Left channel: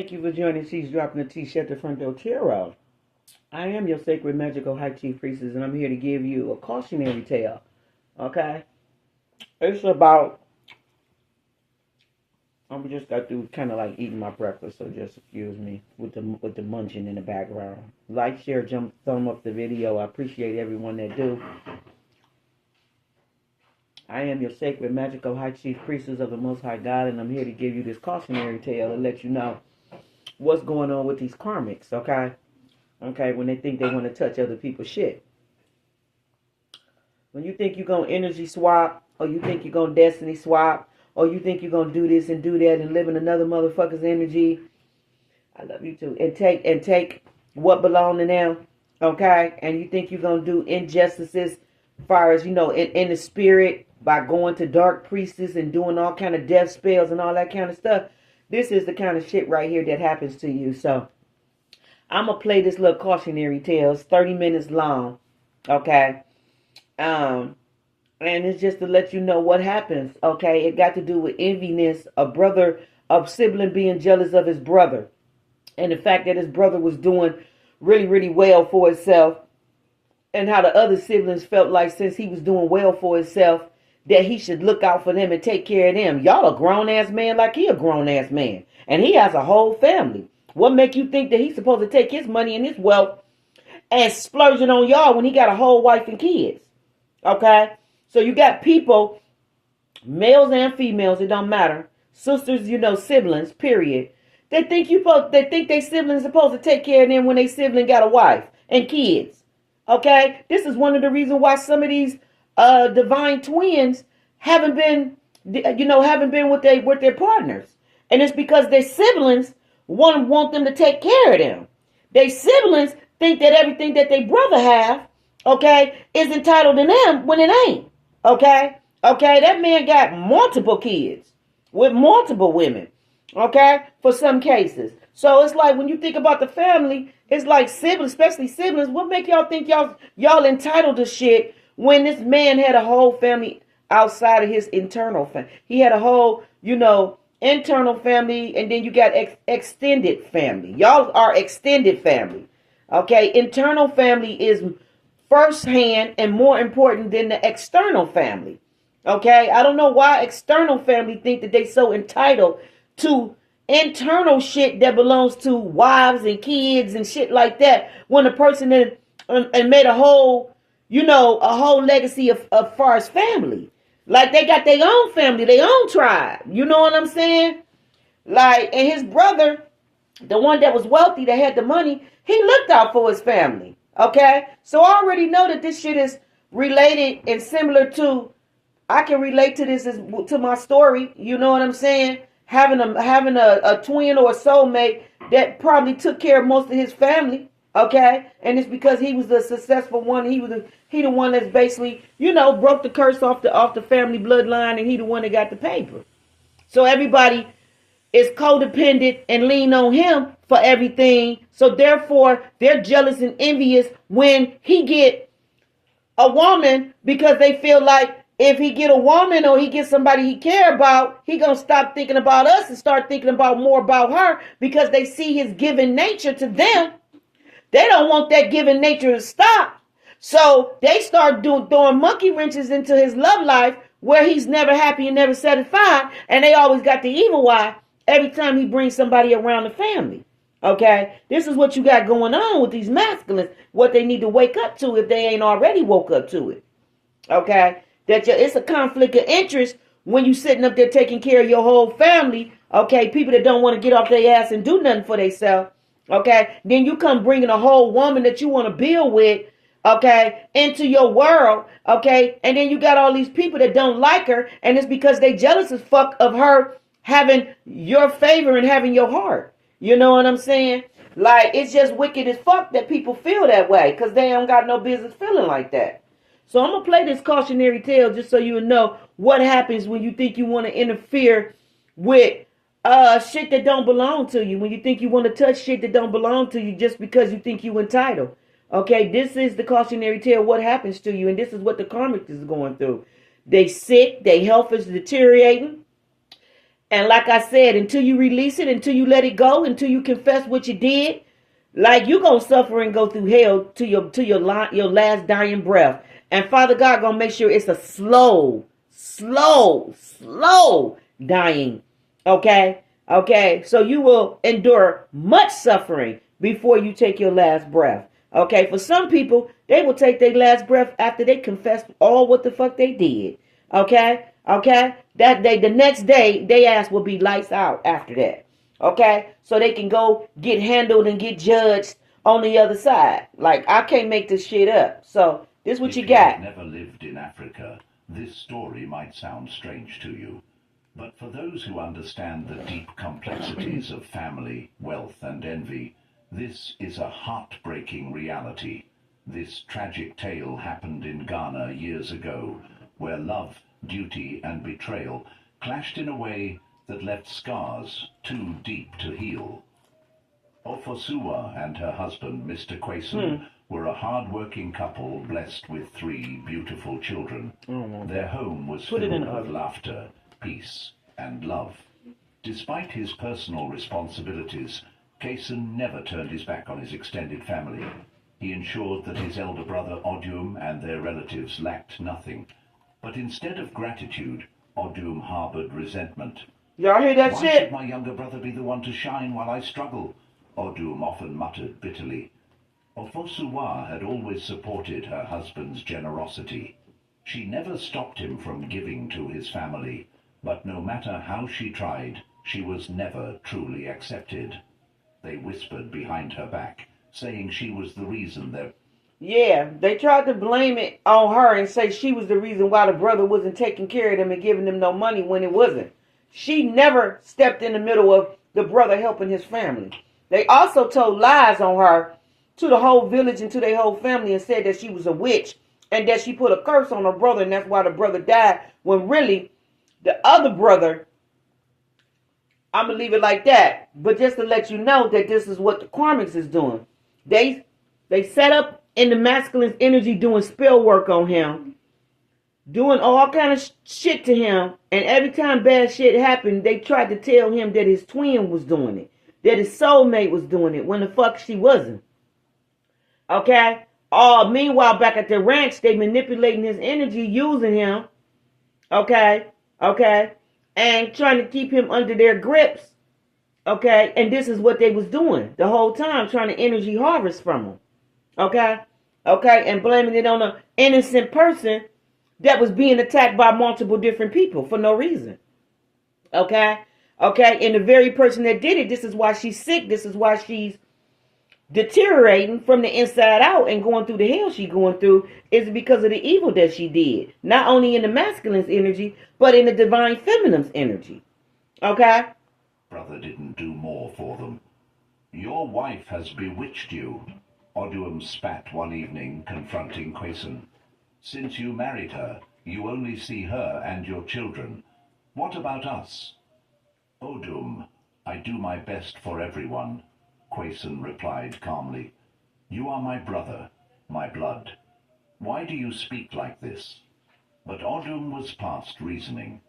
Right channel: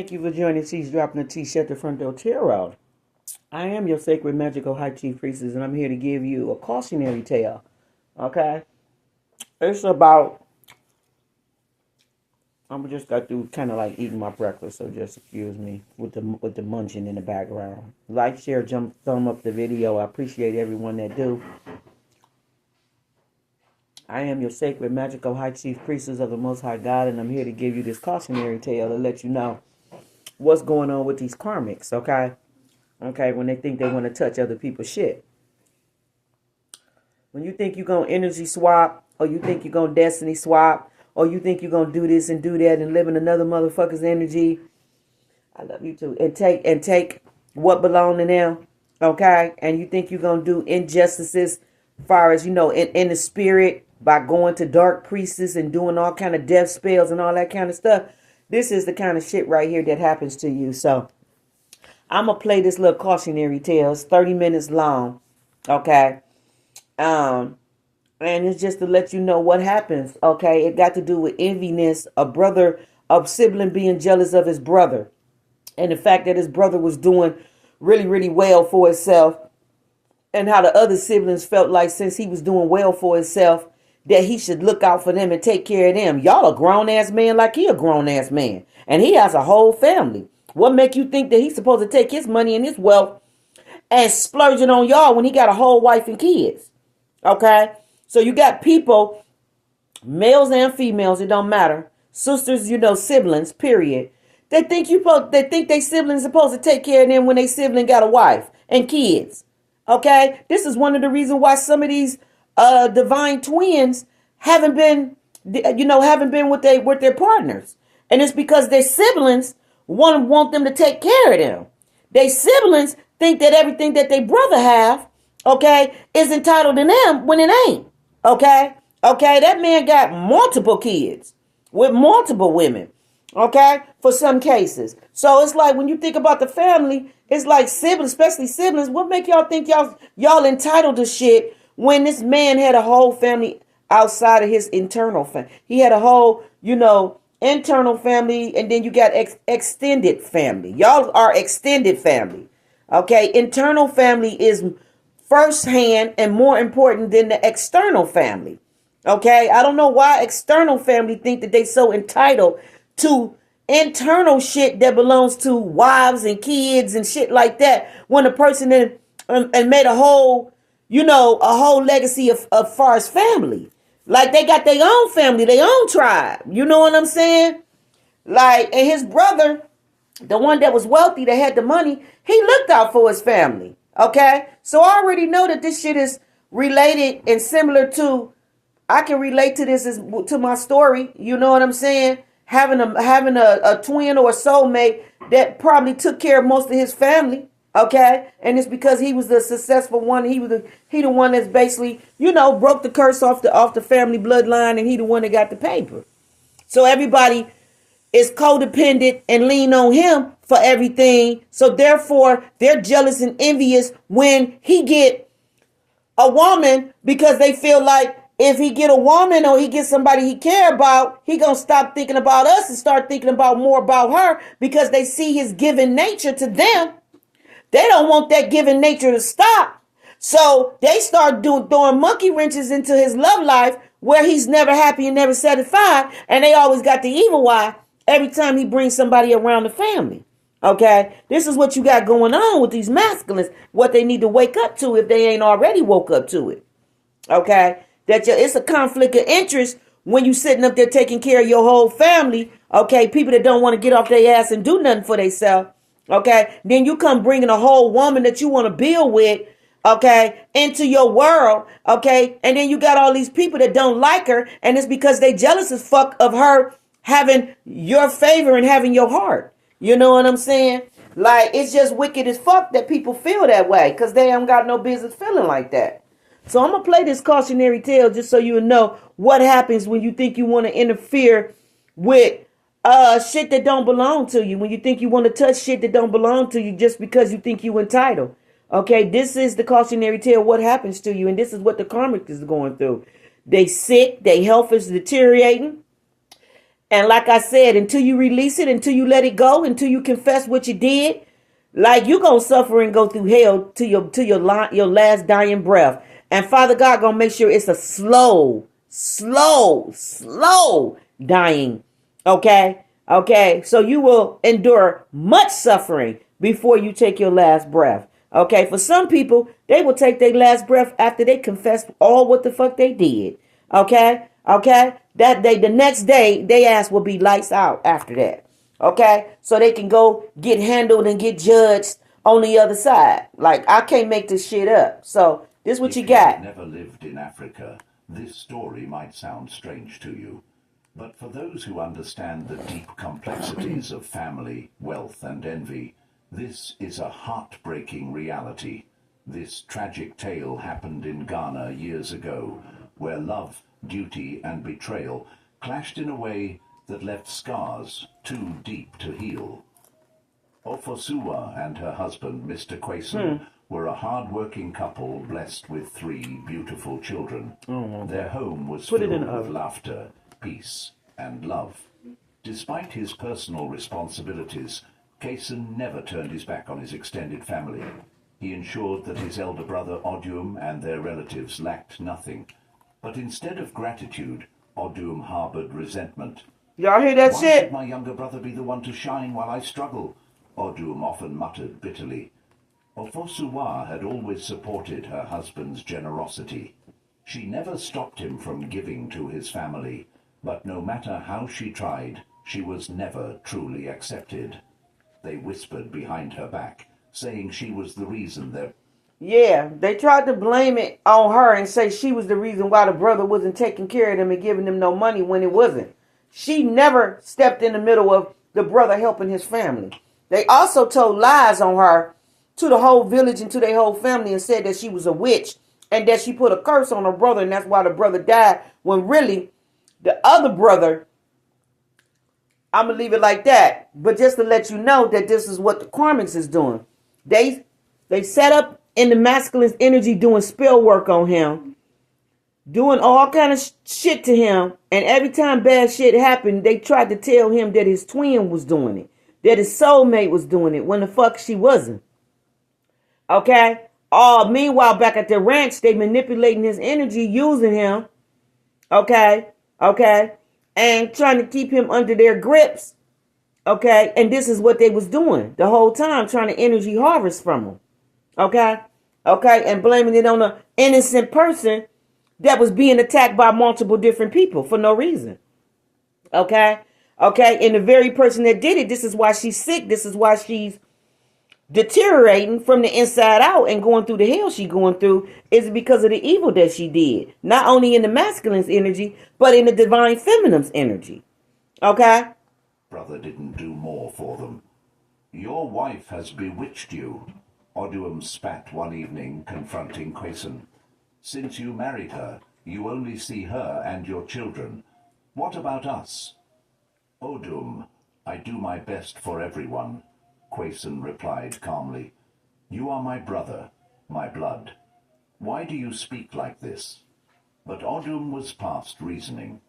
Thank you for joining She's Dropping the Tea Shut the Front Door Tarot. I am your sacred magical high chief priestess, and I'm here to give you a cautionary tale. Okay? It's about, I'm just got through kind of like eating my breakfast, so just excuse me with the munching in the background. Like, share, thumb up the video. I appreciate everyone that do. I am your sacred magical high chief priestess of the Most High God, and I'm here to give you this cautionary tale to let you know what's going on with these karmics, okay? Okay, when they think they want to touch other people's shit. When you think you're going to energy swap, or you think you're going to destiny swap, or you think you're going to do this and do that and live in another motherfucker's energy, I love you too. And take what belong to them, okay? And you think you're going to do injustices as far as, in the spirit by going to dark priestess and doing all kind of death spells and all that kind of stuff. This is the kind of shit right here that happens to you. So I'm going to play this little cautionary tale. It's 30 minutes long. Okay. And it's just to let you know what happens. Okay. It got to do with enviness, a sibling being jealous of his brother. And the fact that his brother was doing really, really well for himself. And how the other siblings felt like since he was doing well for himself, that he should look out for them and take care of them. Y'all a grown-ass man like he a grown-ass man. And he has a whole family. What make you think that he's supposed to take his money and his wealth and splurge it on y'all when he got a whole wife and kids? Okay? So you got people, males and females, it don't matter. Sisters, siblings, period. They think they siblings supposed to take care of them when they sibling got a wife and kids. Okay? This is one of the reasons why some of these divine twins haven't been with their partners. And it's because their siblings want them to take care of them. Their siblings think that everything that their brother have, okay, is entitled to them when it ain't. Okay? Okay, that man got multiple kids with multiple women. Okay? For some cases. So it's like when you think about the family, it's like siblings, especially siblings, what make y'all think y'all entitled to shit when this man had a whole family outside of his internal family? He had a whole, internal family, and then you got extended family. Y'all are extended family. Okay? Internal family is firsthand and more important than the external family. Okay? I don't know why external family think that they so entitled to internal shit that belongs to wives and kids and shit like that, when a person made a whole legacy of far as family. Like they got their own family, their own tribe. You know what I'm saying? Like, and his brother, the one that was wealthy, that had the money, he looked out for his family. Okay? So I already know that this shit is related and similar to, I can relate to this to my story. You know what I'm saying? Having a twin or a soulmate that probably took care of most of his family. Okay, and it's because he was the successful one. He the one that's basically, broke the curse off the family bloodline, and he the one that got the paper. So everybody is codependent and lean on him for everything. So therefore, they're jealous and envious when he get a woman, because they feel like if he get a woman or he get somebody he care about, he gonna stop thinking about us and start thinking more about her, because they see his given nature to them. They don't want that given nature to stop. So they start throwing monkey wrenches into his love life, where he's never happy and never satisfied. And they always got the evil eye every time he brings somebody around the family. Okay? This is what you got going on with these masculines. What they need to wake up to if they ain't already woke up to it. Okay? It's a conflict of interest when you sitting up there taking care of your whole family. Okay? People that don't want to get off their ass and do nothing for themselves. Okay, then you come bringing a whole woman that you want to build with, okay, into your world, okay, and then you got all these people that don't like her, and it's because they jealous as fuck of her having your favor and having your heart. You know what I'm saying? Like, it's just wicked as fuck that people feel that way, because they don't got no business feeling like that. So I'm going to play this cautionary tale just so you know what happens when you think you want to interfere with shit that don't belong to you, when you think you want to touch shit that don't belong to you just because you think you entitled. Okay, this is the cautionary tale, what happens to you, and this is what the karmic is going through. They sick, their health is deteriorating, And like I said, until you release it, until you let it go, until you confess what you did, like you gonna suffer and go through hell to your last dying breath. And Father God gonna make sure it's a slow dying. Okay? Okay? So you will endure much suffering before you take your last breath. Okay? For some people, they will take their last breath after they confess all what the fuck they did. Okay? Okay? That day, the next day, their ass will be lights out after that. Okay? So they can go get handled and get judged on the other side. Like, I can't make this shit up. So, this is what you got. If you never lived in Africa, this story might sound strange to you. But for those who understand the deep complexities of family, wealth, and envy, this is a heartbreaking reality. This tragic tale happened in Ghana years ago, where love, duty, and betrayal clashed in a way that left scars too deep to heal. Ofosuwa and her husband, Mr. Quayson, were a hard-working couple blessed with 3 beautiful children. Their home was filled with laughter, peace, and love. Despite his personal responsibilities, Quayson never turned his back on his extended family. He ensured that his elder brother Odium and their relatives lacked nothing. But instead of gratitude, Odium harbored resentment. Y'all hear that Why shit? should my younger brother be the one to shine while I struggle? Odium often muttered bitterly. Ofosuwa had always supported her husband's generosity. She never stopped him from giving to his family, but no matter how she tried, she was never truly accepted. They whispered behind her back, saying she was the reason their... Yeah, they tried to blame it on her and say she was the reason why the brother wasn't taking care of them and giving them no money when it wasn't. She never stepped in the middle of the brother helping his family. They also told lies on her to the whole village and to their whole family and said that she was a witch and that she put a curse on her brother and that's why the brother died, when really the other brother, I'm going to leave it like that. But just to let you know that this is what the Karmics is doing. They set up in the masculine energy doing spell work on him, doing all kind of shit to him. And every time bad shit happened, they tried to tell him that his twin was doing it, that his soulmate was doing it, when the fuck she wasn't. Okay? Meanwhile, back at the ranch, they manipulating his energy, using him. Okay? Okay? And trying to keep him under their grips. Okay? And this is what they was doing the whole time, trying to energy harvest from him. Okay? Okay? And blaming it on an innocent person that was being attacked by multiple different people for no reason. Okay? Okay? And the very person that did it, this is why she's sick. This is why she's deteriorating from the inside out and going through the hell she's going through, is because of the evil that she did. Not only in the masculine's energy, but in the divine feminine's energy. Okay? Brother didn't do more for them. Your wife has bewitched you, Odium spat one evening, confronting Quayson. Since you married her, you only see her and your children. What about us? Odium, I do my best for everyone, Quayson replied calmly. You are my brother, my blood. Why do you speak like this? But Odium was past reasoning.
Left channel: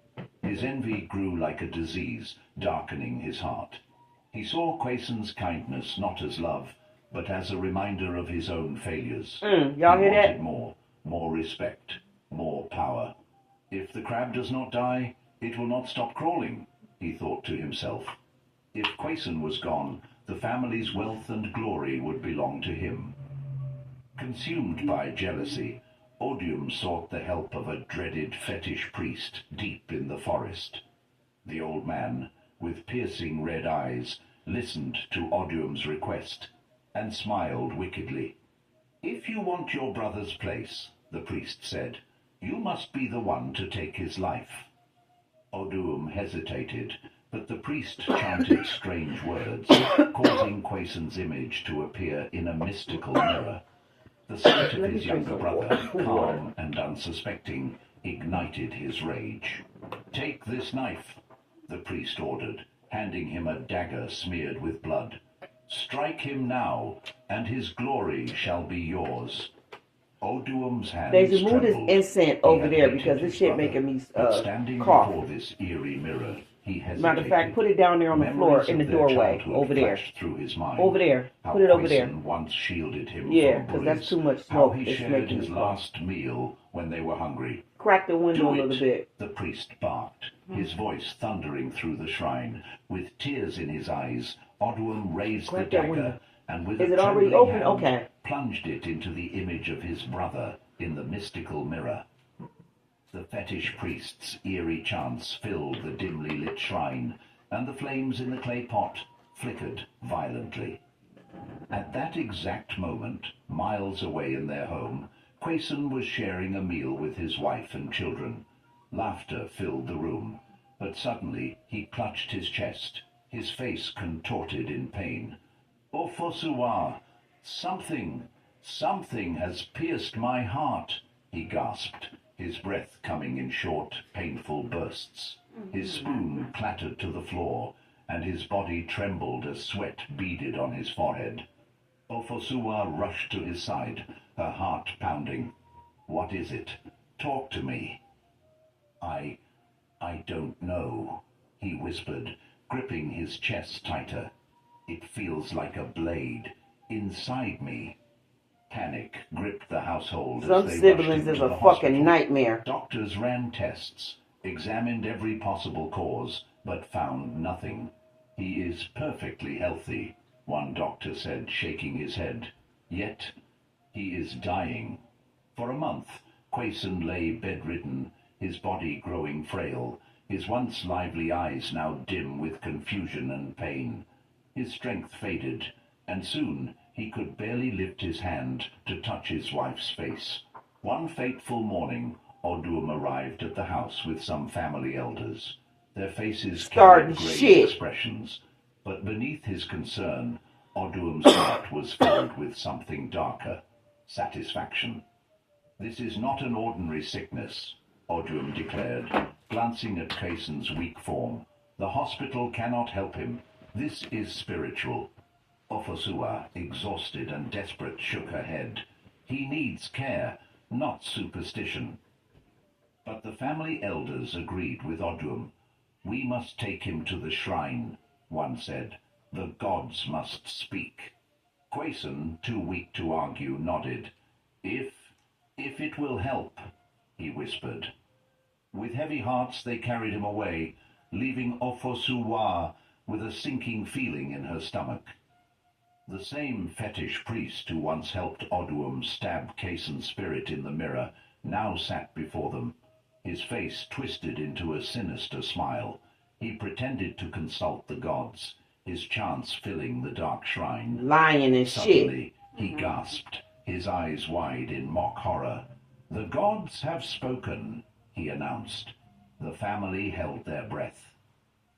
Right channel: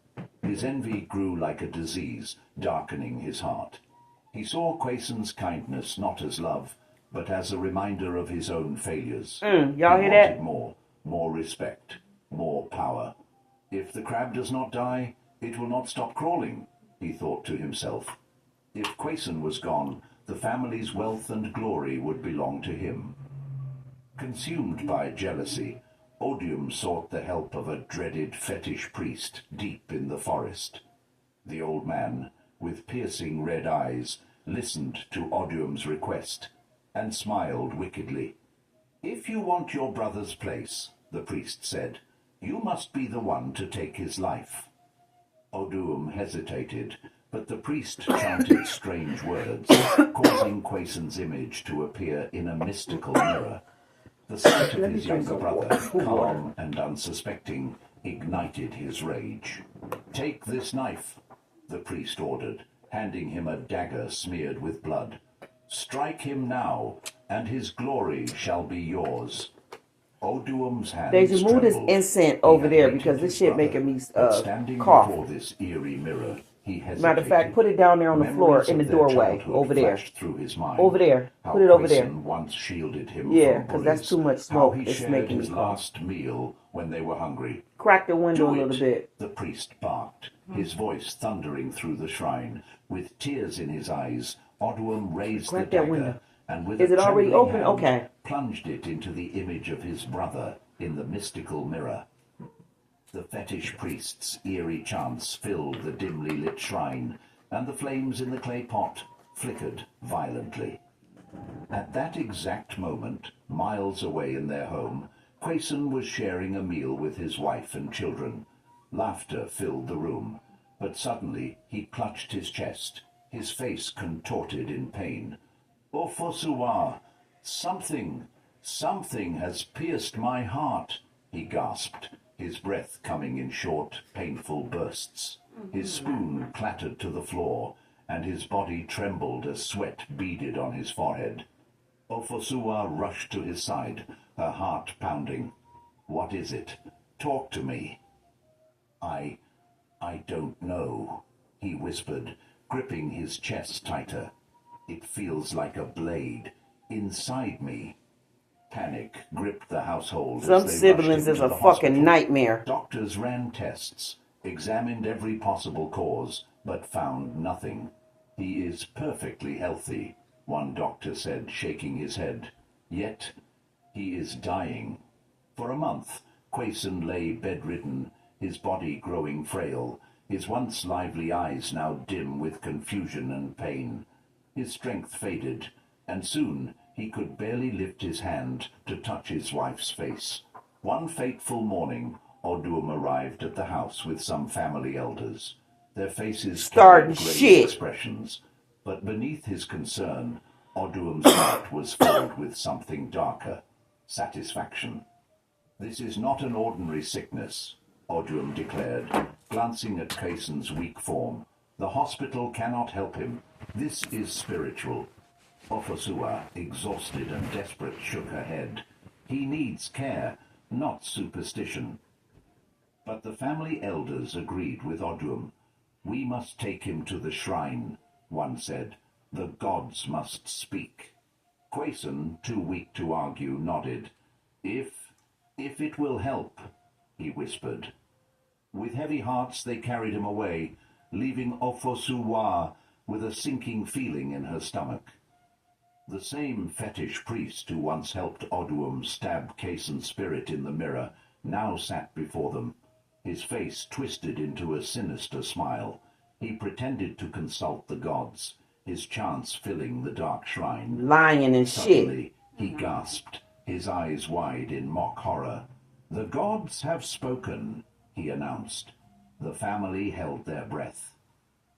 His envy grew like a disease, darkening his heart. He saw Quayson's kindness not as love, but as a reminder of his own failures. Y'all hear that? More respect, more power. If the crab does not die, it will not stop crawling, he thought to himself. If Quayson was gone, the family's wealth and glory would belong to him. Consumed by jealousy, Odium sought the help of a dreaded fetish priest deep in the forest. The old man, with piercing red eyes, listened to Odium's request and smiled wickedly. If you want your brother's place, the priest said, you must be the one to take his life. Odium hesitated, but the priest chanted strange words, causing Quayson's image to appear in a mystical mirror. The sight of his younger brother, calm and unsuspecting, ignited his rage. Take this knife, the priest ordered, handing him a dagger smeared with blood. Strike him now, and his glory shall be yours. Odium's hands They should move this trembled. incense over there because this shit making me Standing cough. before this eerie mirror, he hesitated. Matter of fact, put it down there on the floor in the doorway. Over there. Through his mind. Over there. How Put it over there. Quayson once shielded him Yeah, from because bullies. that's too much How smoke. he It's shared making his me cough. last meal when they were hungry. Crack the window a Do little it, bit. the priest barked, his voice thundering through the shrine. With tears in his eyes, Oduum raised Crack the that dagger window. and with Is a it already trembling open? hand, Okay. plunged it into the image of his brother in the mystical mirror. The fetish priest's eerie chants filled the dimly lit shrine, and the flames in the clay pot flickered violently. At that exact moment, miles away in their home, Quayson was sharing a meal with his wife and children. Laughter filled the room, but suddenly he clutched his chest, his face contorted in pain. "Ofosuwa, something has pierced my heart," he gasped, his breath coming in short, painful bursts. His spoon clattered to the floor, and his body trembled as sweat beaded on his forehead. Ofosuwa rushed to his side, her heart pounding. "What is it? Talk to me." I don't know," he whispered, gripping his chest tighter. "It feels like a blade inside me." Panic gripped the household Some as they siblings rushed into is a the fucking hospital. nightmare. Doctors ran tests, examined every possible cause, but found nothing. "He is perfectly healthy," one doctor said, shaking his head. "Yet he is dying." For a month, Quayson lay bedridden, his body growing frail, his once lively eyes now dim with confusion and pain. His strength faded, and soon he could barely lift his hand to touch his wife's face. One fateful morning, Oduum arrived at the house with some family elders. Their faces carried grave expressions, but beneath his concern, Oduum's heart was filled with something darker: satisfaction. "This is not an ordinary sickness," Oduum declared, glancing at Quayson's weak form. "The hospital cannot help him. This is spiritual." Ofosuwa, exhausted and desperate, shook her head. "He needs care, not superstition." But the family elders agreed with Oduum. "We must take him to the shrine," one said. "The gods must speak." Quayson, too weak to argue, nodded. If it will help," he whispered. With heavy hearts they carried him away, leaving Ofosuwa with a sinking feeling in her stomach. The same fetish priest who once helped Oduum stab Quayson's spirit in the mirror now sat before them, his face twisted into a sinister smile. He pretended to consult the gods, his chants filling the dark shrine. Lying and Suddenly, shit. he gasped, his eyes wide in mock horror. "The gods have spoken," he announced. The family held their breath.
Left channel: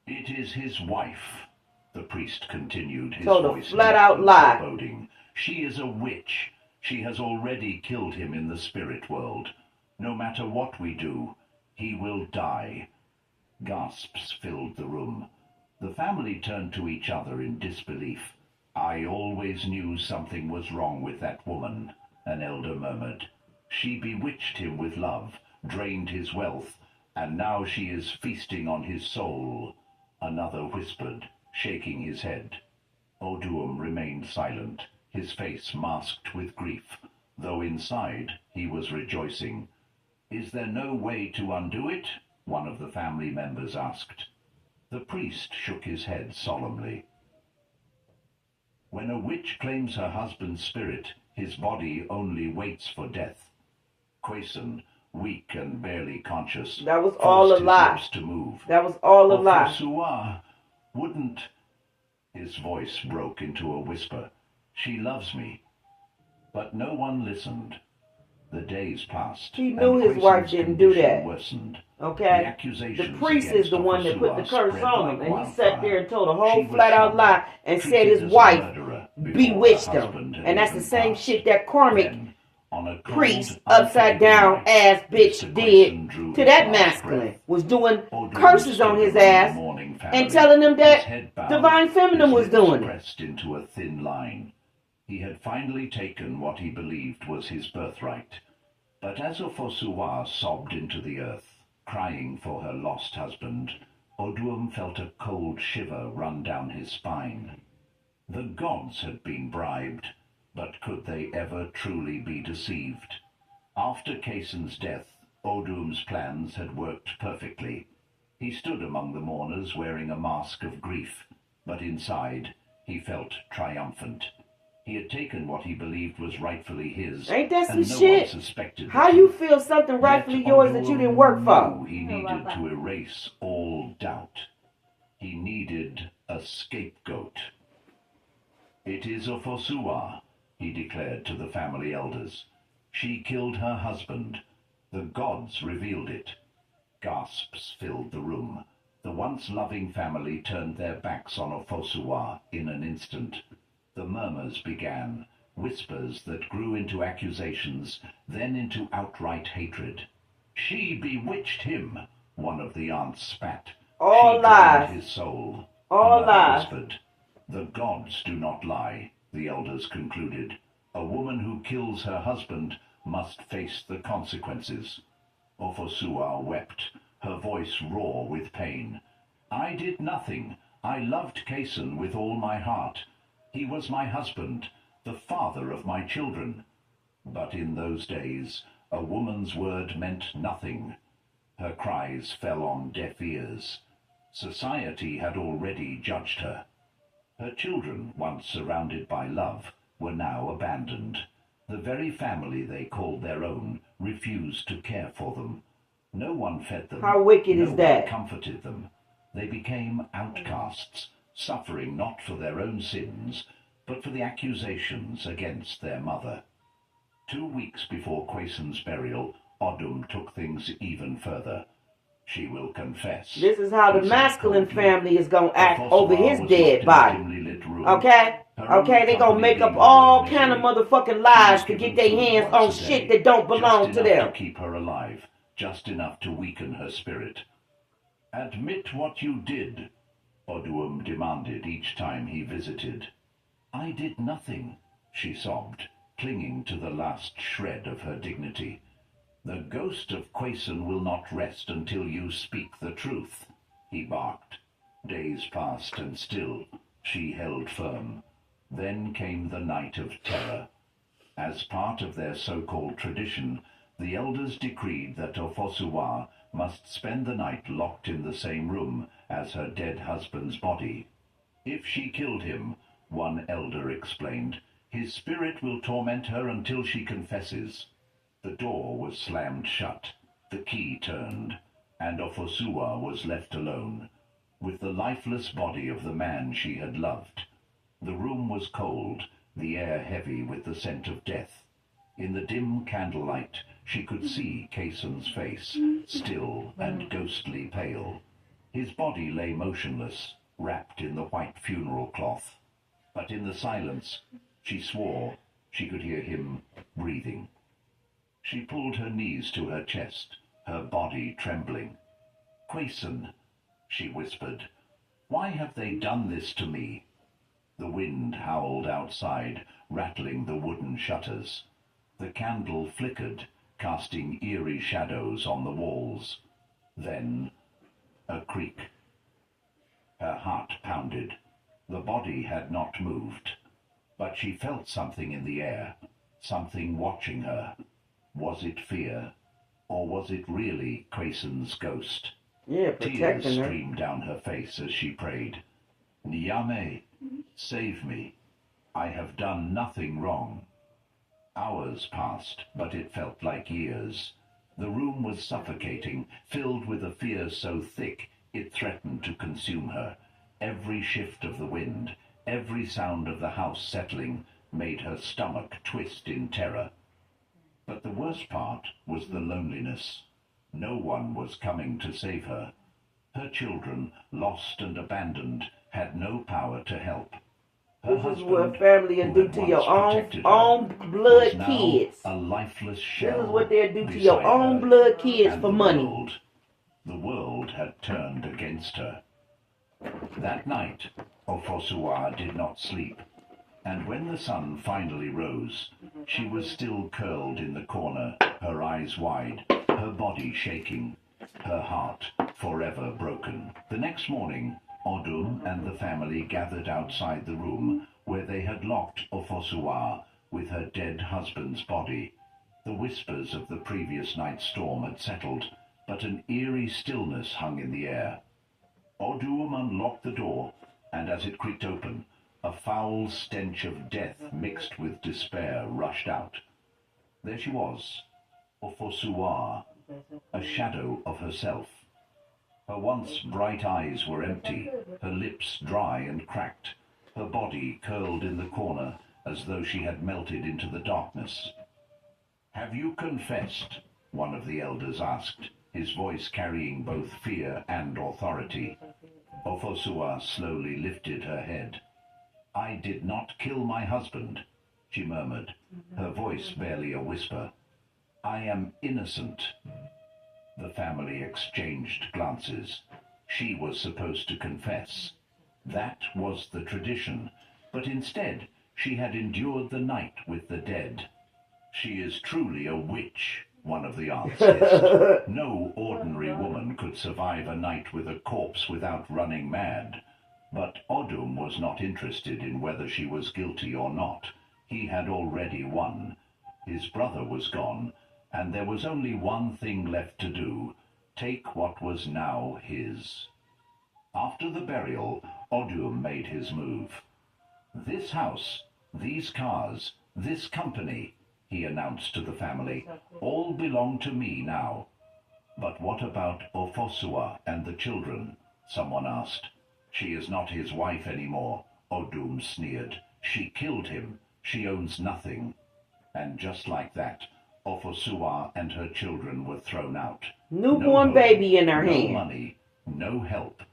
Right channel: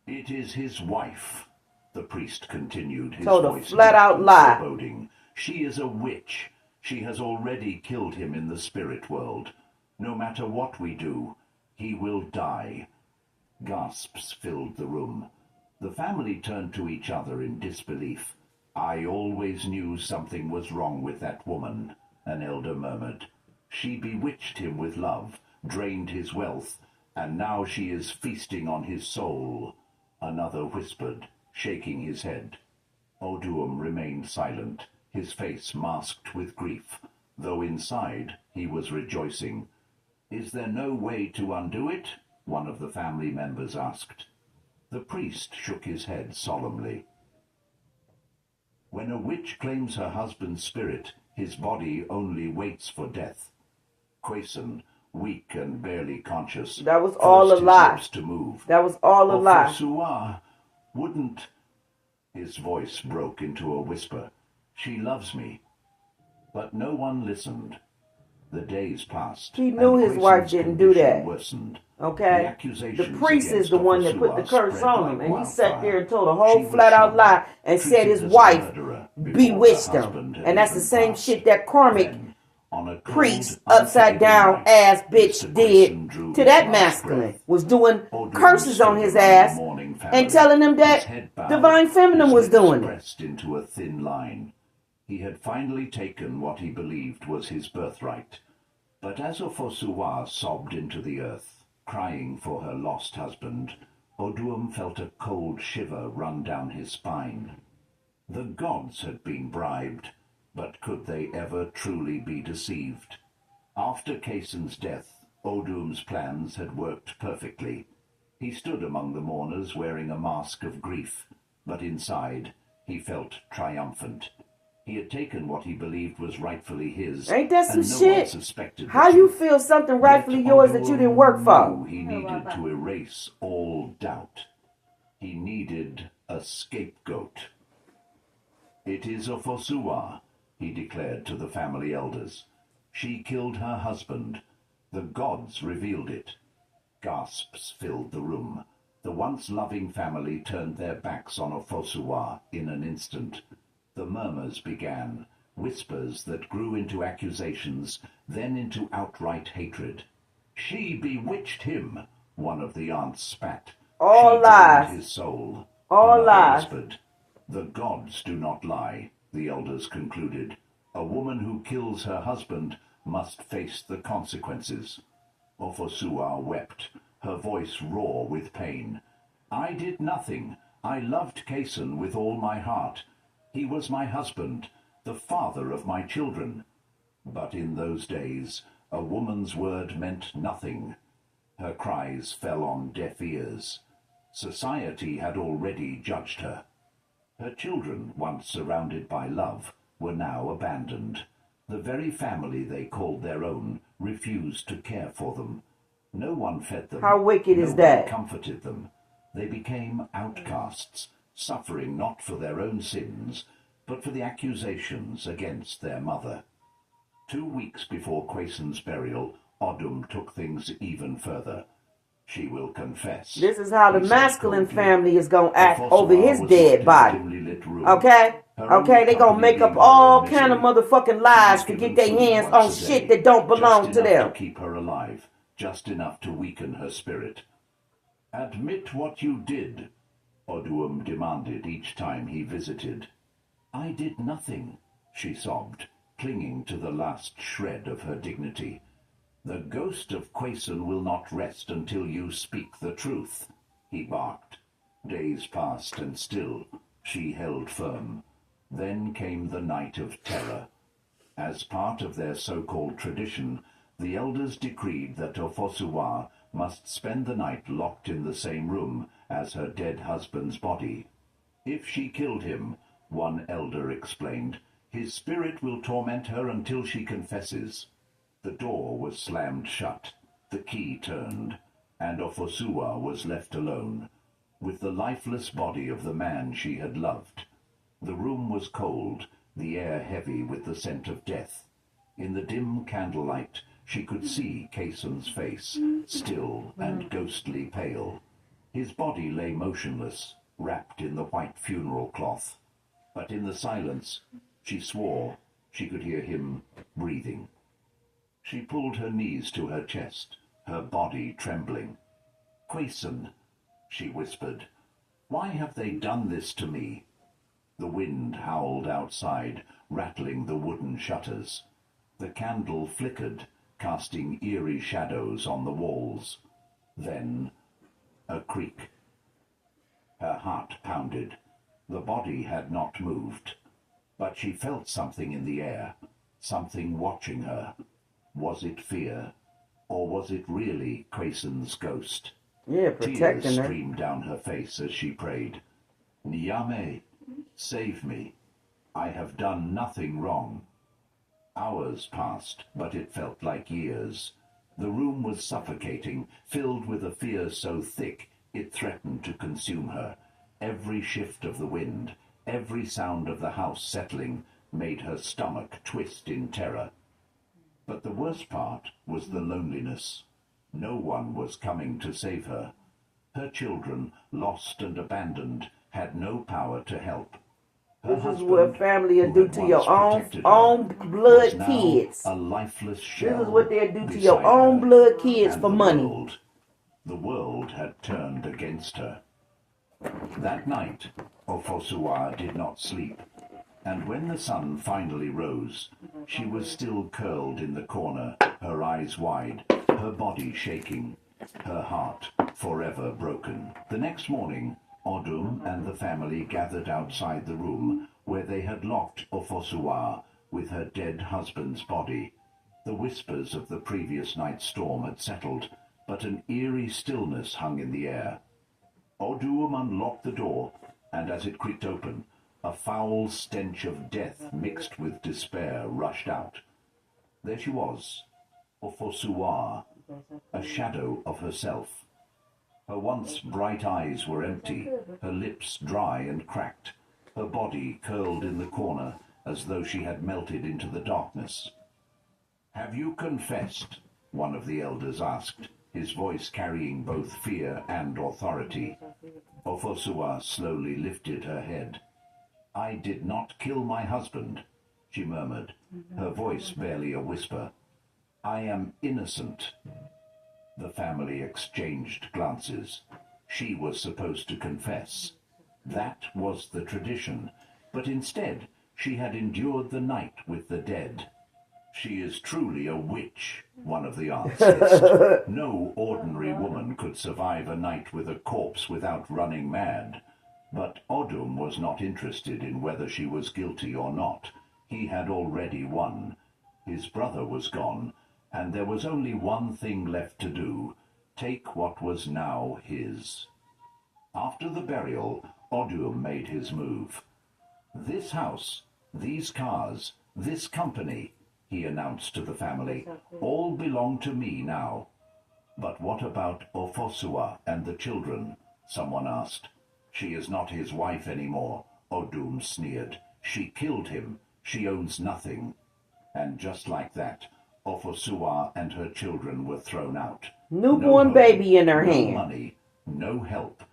"It is his wife," the priest continued, his Told a voice flat-out deep and lie. foreboding. "She is a witch. She has already killed him in the spirit world. No matter what we do, he will die." Gasps filled the room. The family turned to each other in disbelief. "I always knew something was wrong with that woman," an elder murmured. "She bewitched him with love, drained his wealth, and now she is feasting on his soul," another whispered, shaking his head. Oduum remained silent, his face masked with grief, though inside he was rejoicing. "Is there no way to undo it?" one of the family members asked. The priest shook his head solemnly. "When a witch claims her husband's spirit, his body only waits for death." Quayson, weak and barely conscious, That was all a forced his lie. lips to move. That was all a lie. "Ofosuwa wouldn't..." His voice broke into a whisper. "She loves me." But no one listened. The days passed. He knew and his wife Quayson's didn't do condition that. worsened. The Okay? The accusations priest is against the one that put the Ofosuwa curse spread on him. like And he sat there and told a wildfire. She whole was flat out shocked, lie and said treated his as a wife murderer before bewitched her husband him. had And that's the even same passed. shit that karmic Then, on a cold, priest, upside down unforgiving night, ass Mr. bitch Quayson drew did to his that last masculine. breath. Was doing Oduum curses on stood his around the ass mourning family, and telling him his that head bowed, divine feminine his was lips doing it. pressed into a thin line. He had finally taken what he believed was his birthright. But as Ofosuwa sobbed into the earth, crying for her lost husband, Oduum felt a cold shiver run down his spine. The gods had been bribed, but could they ever truly be deceived? After Kayson's death, Oduum's plans had worked perfectly. He stood among the mourners wearing a mask of grief, but inside he felt triumphant. He had taken what he believed was rightfully his, Ain't that some and no shit? one suspected the How you truth. feel something rightfully Yet yours that you didn't work for? knew he needed to erase all doubt. He needed a scapegoat. "It is Ofosuwa," he declared to the family elders. "She killed her husband. The gods revealed it." Gasps filled the room. The once loving family turned their backs on Ofosuwa in an instant. The murmurs began, whispers that grew into accusations, then into outright hatred. "She bewitched him," one of the aunts spat. All "She lies. drained his soul," All another lies. whispered. "The gods do not lie," the elders concluded. "A woman who kills her husband must face the consequences." Ofosuwa wept, her voice raw with pain. "I did nothing. I loved Kayson with all my heart. He was my husband, the father of my children." But in those days, a woman's word meant nothing. Her cries fell on deaf ears. Society had already judged her. Her children, once surrounded by love, were now abandoned. The very family they called their own refused to care for them. No one fed them. How wicked is that? No one comforted them. They became outcasts, suffering not for their own sins, but for the accusations against their mother. 2 weeks before Quayson's burial, Odum took things even further. "She will confess." This is how the he said masculine coldly. family is going to act Ofosuwa over his was dead locked in a body. dimly lit room. Okay? Her Okay, only they going to make up company being her all own kind of misery. motherfucking She lies was to given get their food hands once on a shit day, that don't belong just to enough them. to keep her alive, just enough to weaken her spirit. "Admit what you did," Oduum demanded each time he visited. "I did nothing," she sobbed, clinging to the last shred of her dignity. "The ghost of Quayson will not rest until you speak the truth," he barked. Days passed, and still she held firm. Then came the night of terror. As part of their so-called tradition, the elders decreed that Ofosuwa must spend the night locked in the same room as her dead husband's body. "If she killed him," one elder explained, "his spirit will torment her until she confesses." The door was slammed shut, the key turned, and Ofosuwa was left alone, with the lifeless body of the man she had loved. The room was cold, the air heavy with the scent of death. In the dim candlelight, she could see Kayson's face, still and ghostly pale. His body lay motionless, wrapped in the white funeral cloth. But in the silence, she swore she could hear him breathing. She pulled her knees to her chest, her body trembling. "Quayson," she whispered, "why have they done this to me?" The wind howled outside, rattling the wooden shutters. The candle flickered, casting eerie shadows on the walls. Then a creak. Her heart pounded. The body had not moved, but she felt something in the air, something watching her. Was it fear, or was it really Quayson's ghost? Yeah, Tears protecting her. streamed down her face as she prayed. "Nyame, save me. I have done nothing wrong." Hours passed, but it felt like years. The room was suffocating, filled with a fear so thick it threatened to consume her. Every shift of the wind, every sound of the house settling, made her stomach twist in terror. But the worst part was the loneliness. No one was coming to save her. Her children, lost and abandoned, had no power to help. Her This is what husband, family will who do had to once your protected her, own was blood now kids. a lifeless This shell is what they'll do to your beside own her. blood kids And for the money. The world had turned against her. That night, Ofosuwa did not sleep, and when the sun finally rose, she was still curled in the corner, her eyes wide, her body shaking. her heart forever broken. The next morning, Odum and the family gathered outside the room where they had locked Ofosuwa with her dead husband's body. The whispers of the previous night's storm had settled, but an eerie stillness hung in the air. Odum unlocked the door, and as it creaked open, a foul stench of death mixed with despair rushed out. There she was, Ofosuwa, a shadow of herself. Her once bright eyes were empty, her lips dry and cracked, her body curled in the corner as though she had melted into the darkness. "Have you confessed?" one of the elders asked, his voice carrying both fear and authority. Ofosuwa slowly lifted her head. "I did not kill my husband," she murmured, her voice barely a whisper. "I am innocent." The family exchanged glances. She was supposed to confess. That was the tradition, but instead she had endured the night with the dead. "She is truly a witch," one of the aunts hissed. No ordinary woman could survive a night with a corpse without running mad. But Odum was not interested in whether she was guilty or not. He had already won. His brother was gone, and there was only one thing left to do: take what was now his. After the burial, Odum made his move. "This house, these cars, this company," he announced to the family, "all belong to me now." "But what about Ofosuwa and the children?" someone asked. "She is not his wife anymore," Odum sneered. "She killed him. She owns nothing." And just like that, Ofosuwa and her children were thrown out. Newborn home, baby in her hand. No money, no help.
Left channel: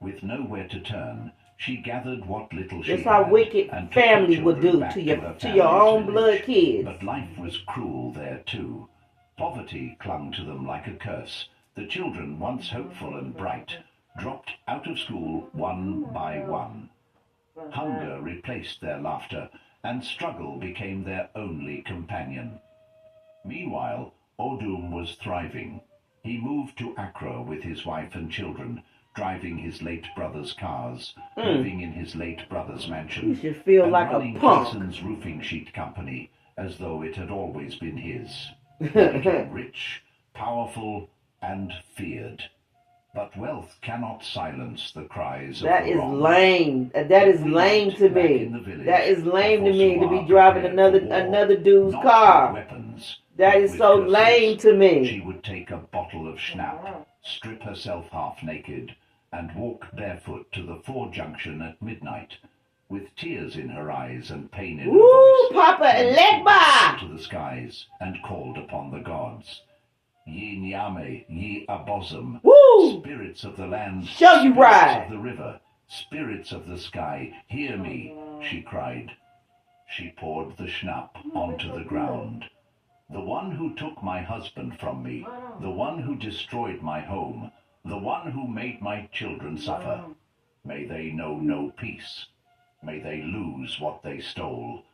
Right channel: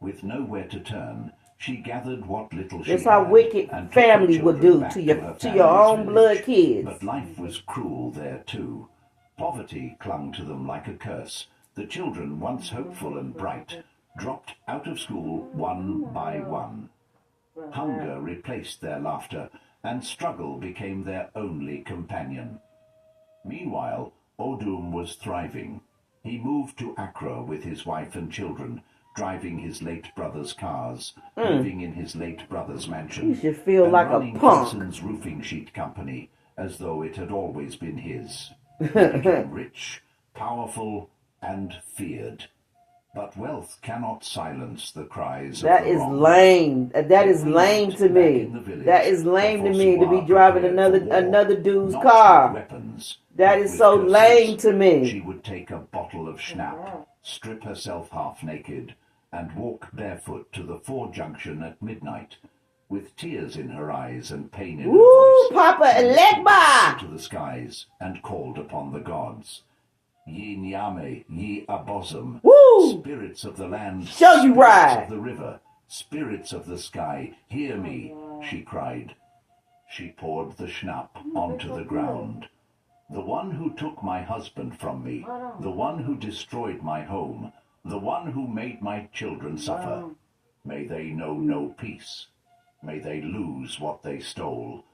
With nowhere to turn, she gathered what little she That's had. how wicked and family would do back to her your family's own blood village. kids. But life was cruel there too. Poverty clung to them like a curse. The children, once hopeful and bright, dropped out of school one by one. Hunger replaced their laughter, and struggle became their only companion. Meanwhile, Odum was thriving. He moved to Accra with his wife and children, driving his late brother's cars, living in his late brother's mansion, You should feel and like a running punk. Creson's roofing sheet company as though it had always been his. He became rich, powerful, and feared. But wealth cannot silence the cries That of the is wronged. lame. That is lame to Back me. in the village, That is lame to the me to be Fosuwa driving prepared for war, another dude's not car. with weapons, That but is with so curses. lame to me. She would take a bottle of schnapp, strip herself half naked, and walk barefoot to the 4 junction at midnight. With tears in her eyes and pain in her Woo, voice, Papa she lifted Legba! to the skies and called upon the gods. Ye Nyame, ye Abosom, Woo! spirits of the land, Show you spirits right. of the river, spirits of the sky, hear me, she cried. She poured the schnapp onto the ground. The one who took my husband from me, the one who destroyed my home, the one who made my children suffer, may they know no peace. May they lose what they stole.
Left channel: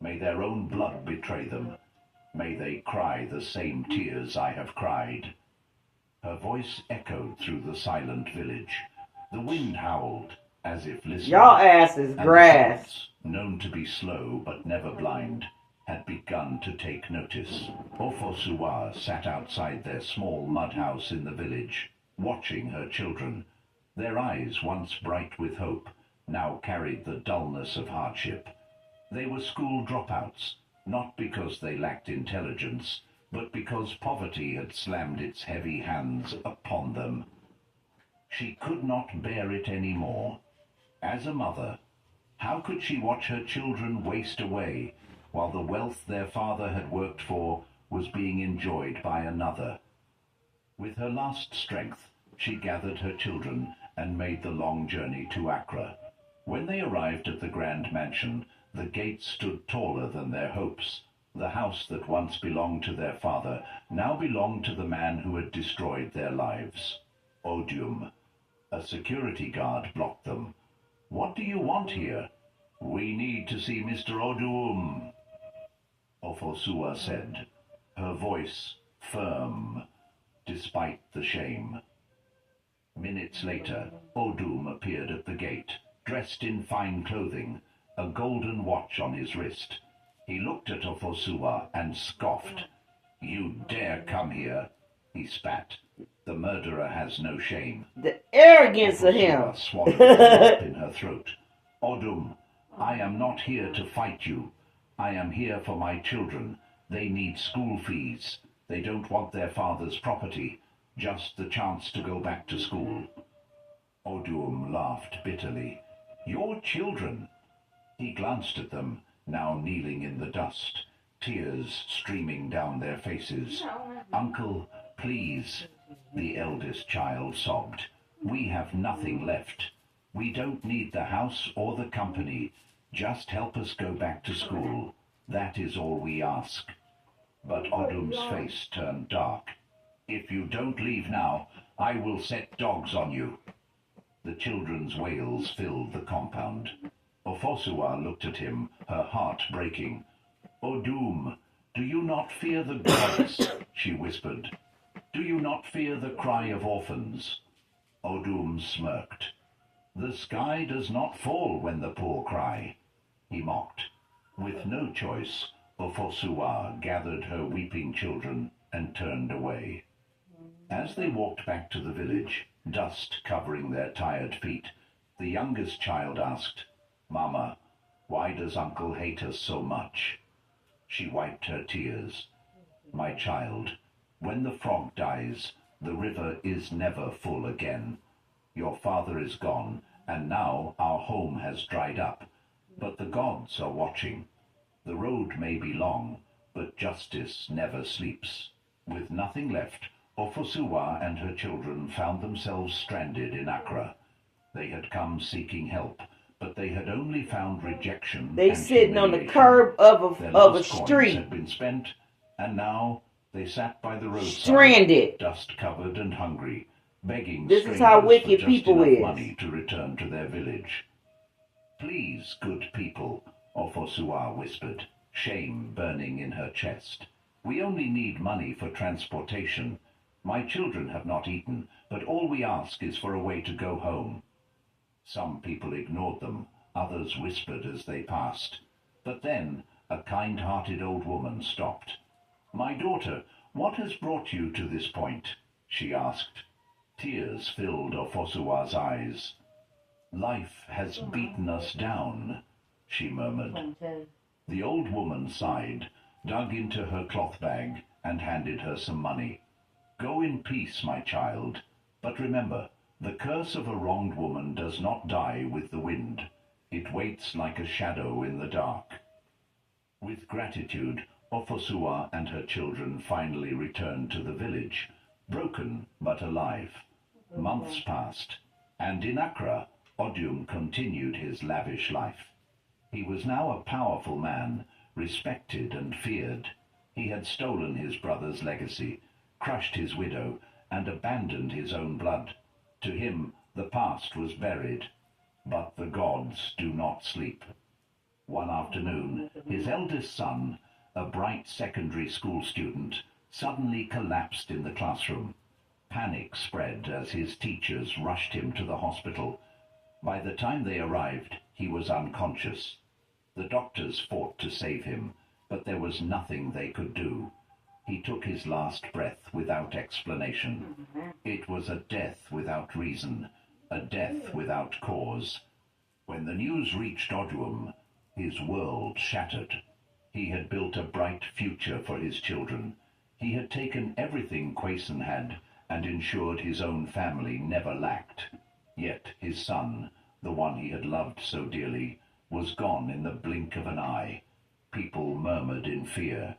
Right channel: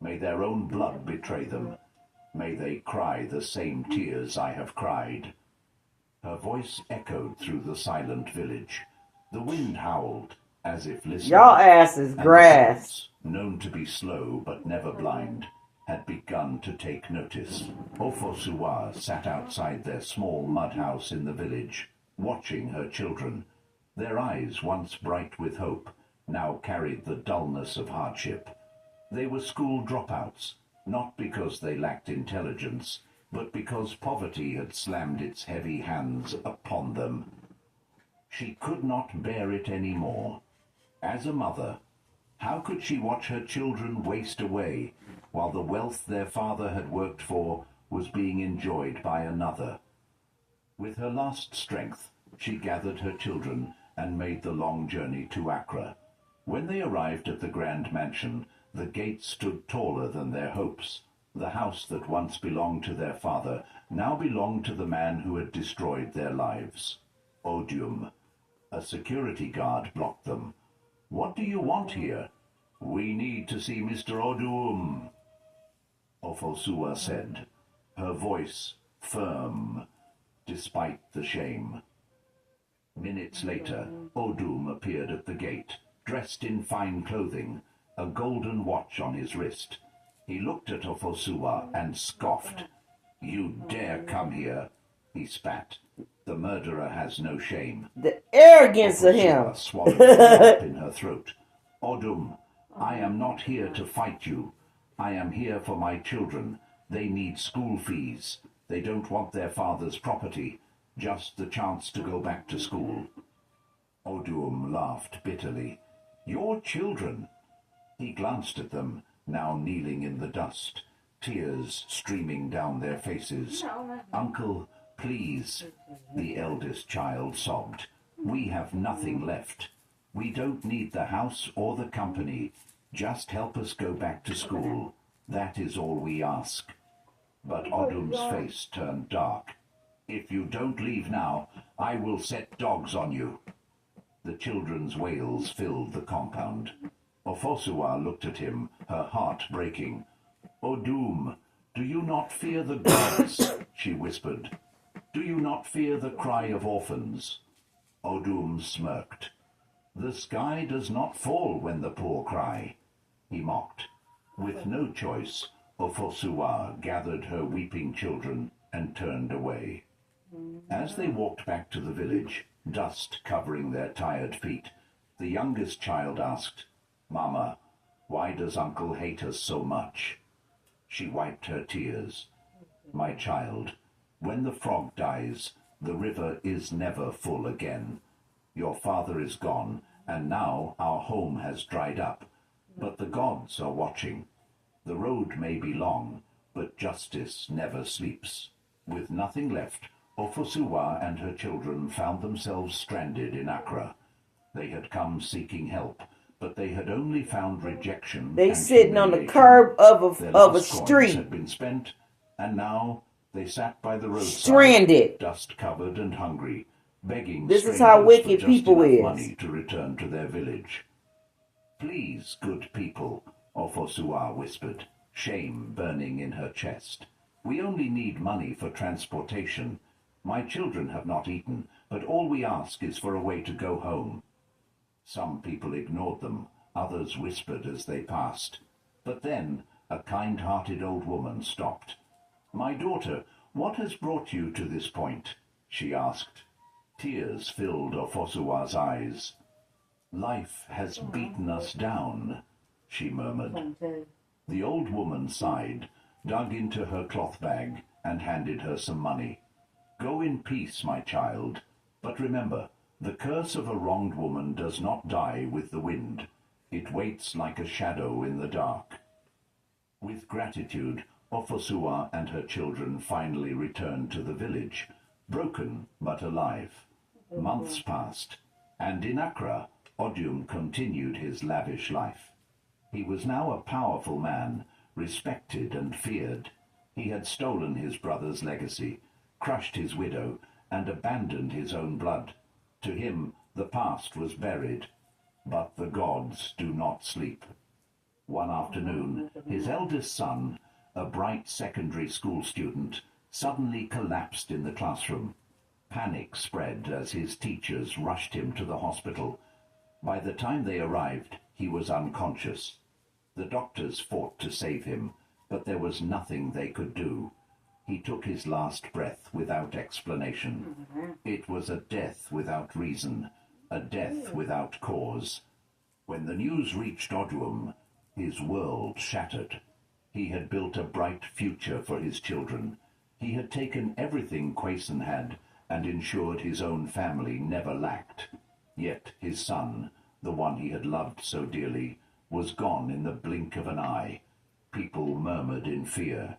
May their own blood betray them. May they cry the same tears I have cried. Her voice echoed through the silent village. The wind howled, as if listening. Y'all ass is And grass. the gods, known to be slow but never blind, had begun to take notice. Ofosuwa sat outside their small mud house in the village, watching her children. Their eyes, once bright with hope, now carried the dullness of hardship. They were school dropouts, not because they lacked intelligence, but because poverty had slammed its heavy hands upon them. She could not bear it any more. As a mother, how could she watch her children waste away while the wealth their father had worked for was being enjoyed by another? With her last strength, she gathered her children and made the long journey to Accra. When they arrived at the grand mansion, the gates stood taller than their hopes. The house that once belonged to their father now belonged to the man who had destroyed their lives. Odium. A security guard blocked them. "What do you want here?" "We need to see Mr. Odum," Ofosuwa said, her voice firm. despite the shame. Minutes later, Odum appeared at the gate, dressed in fine clothing, a golden watch on his wrist. He looked at Ofosua and scoffed. "You dare come here," he spat. "The murderer has no shame." The arrogance of him. Ofosua swallowed the lump in her throat. "Odum, I am not here to fight you. I am here for my children. They need school fees. They don't want their father's property, just the chance to go back to school." Odum laughed bitterly. "Your children?" He glanced at them, now kneeling in the dust, tears streaming down their faces. "Uncle, please," the eldest child sobbed. "We have nothing left. We don't need the house or the company. Just help us go back to school. That is all we ask." But Odum's face turned dark. "If you don't leave now, I will set dogs on you." The children's wails filled the compound. Ofosua looked at him, her heart breaking. "Odum, do you not fear the gods?" she whispered. "Do you not fear the cry of orphans?" Odum smirked. "The sky does not fall when the poor cry," he mocked. With no choice, Ofosua gathered her weeping children and turned away. As they walked back to the village, dust covering their tired feet, the youngest child asked, "Mama, why does Uncle hate us so much?" She wiped her tears. "My child, when the frog dies, the river is never full again. Your father is gone, and now our home has dried up. But the gods are watching. The road may be long, but justice never sleeps." With nothing left, Ofosua and her children found themselves stranded in Accra. They had come seeking help, but they had only found rejection. They and sitting on the humiliation. curb of Their a last coins street, had been spent, and now they sat by the roadside, stranded. dust-covered and hungry, begging This is how strangers wicked for just people enough is. money to return to their village. "Please, good people," Ofosua whispered, shame burning in her chest. "We only need money for transportation. My children have not eaten, but all we ask is for a way to go home." Some people ignored them, others whispered as they passed. But then a kind-hearted old woman stopped. "My daughter, what has brought you to this point?" she asked. Tears filled Ofosua's eyes. "Life has beaten us down," she murmured. The old woman sighed, dug into her cloth bag, and handed her some money. "Go in peace, my child. But remember, the curse of a wronged woman does not die with the wind. It waits like a shadow in the dark." With gratitude, Ofosua and her children finally returned to the village, broken but alive. Months passed, and in Accra, Odum continued his lavish life. He was now a powerful man, respected and feared. He had stolen his brother's legacy, crushed his widow, and abandoned his own blood. To him, the past was buried. But the gods do not sleep. One afternoon, his eldest son, a bright secondary school student, suddenly collapsed in the classroom. Panic spread as his teachers rushed him to the hospital. By the time they arrived, he was unconscious. The doctors fought to save him, but there was nothing they could do. He took his last breath without explanation. It was a death without reason, a death without cause. When the news reached Odum, his world shattered. He had built a bright future for his children. He had taken everything Quayson had and ensured his own family never lacked. Yet his son, the one he had loved so dearly, was gone in the blink of an eye. People murmured in fear.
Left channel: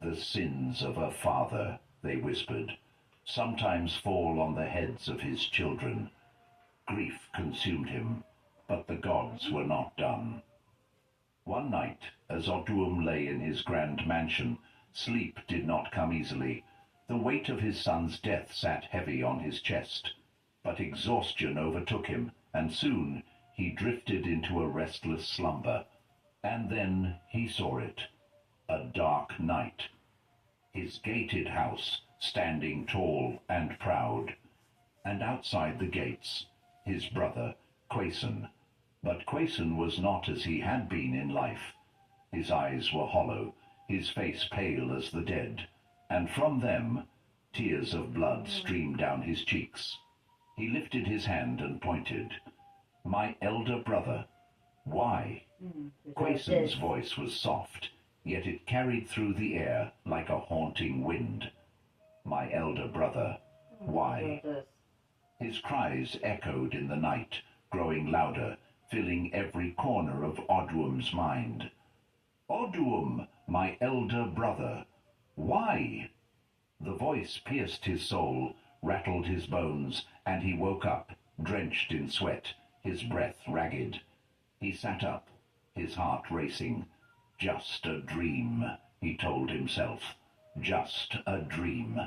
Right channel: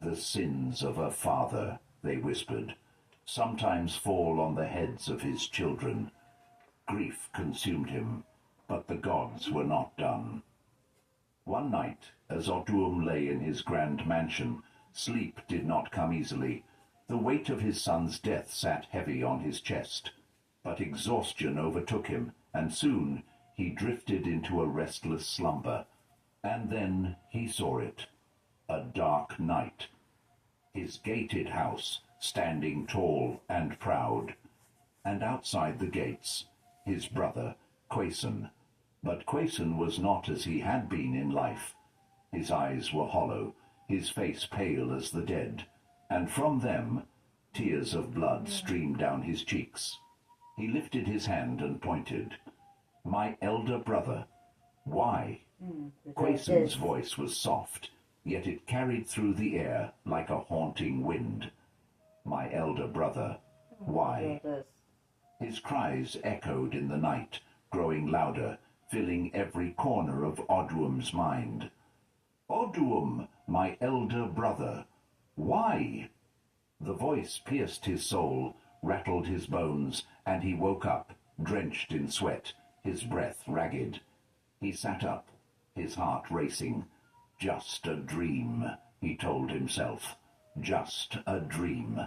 "The sins of a father," they whispered, "sometimes fall on the heads of his children." Grief consumed him, but the gods were not done. One night, as Odum lay in his grand mansion, sleep did not come easily. The weight of his son's death sat heavy on his chest. But exhaustion overtook him, and soon he drifted into a restless slumber. And then he saw it, a dark night. His gated house, standing tall and proud. And outside the gates, his brother, Quason. But Quason was not as he had been in life. His eyes were hollow, his face pale as the dead, and from them tears of blood streamed down his cheeks. He lifted his hand and pointed. "My elder brother." "Why?" Quason's voice was soft, yet it carried through the air like a haunting wind. "My elder brother, why?" His cries echoed in the night, growing louder, filling every corner of Oduum's mind. "Oduum, my elder brother, why?" The voice pierced his soul, rattled his bones, and he woke up, drenched in sweat, his breath ragged. He sat up, his heart racing. "Just a dream," he told himself. "Just a dream."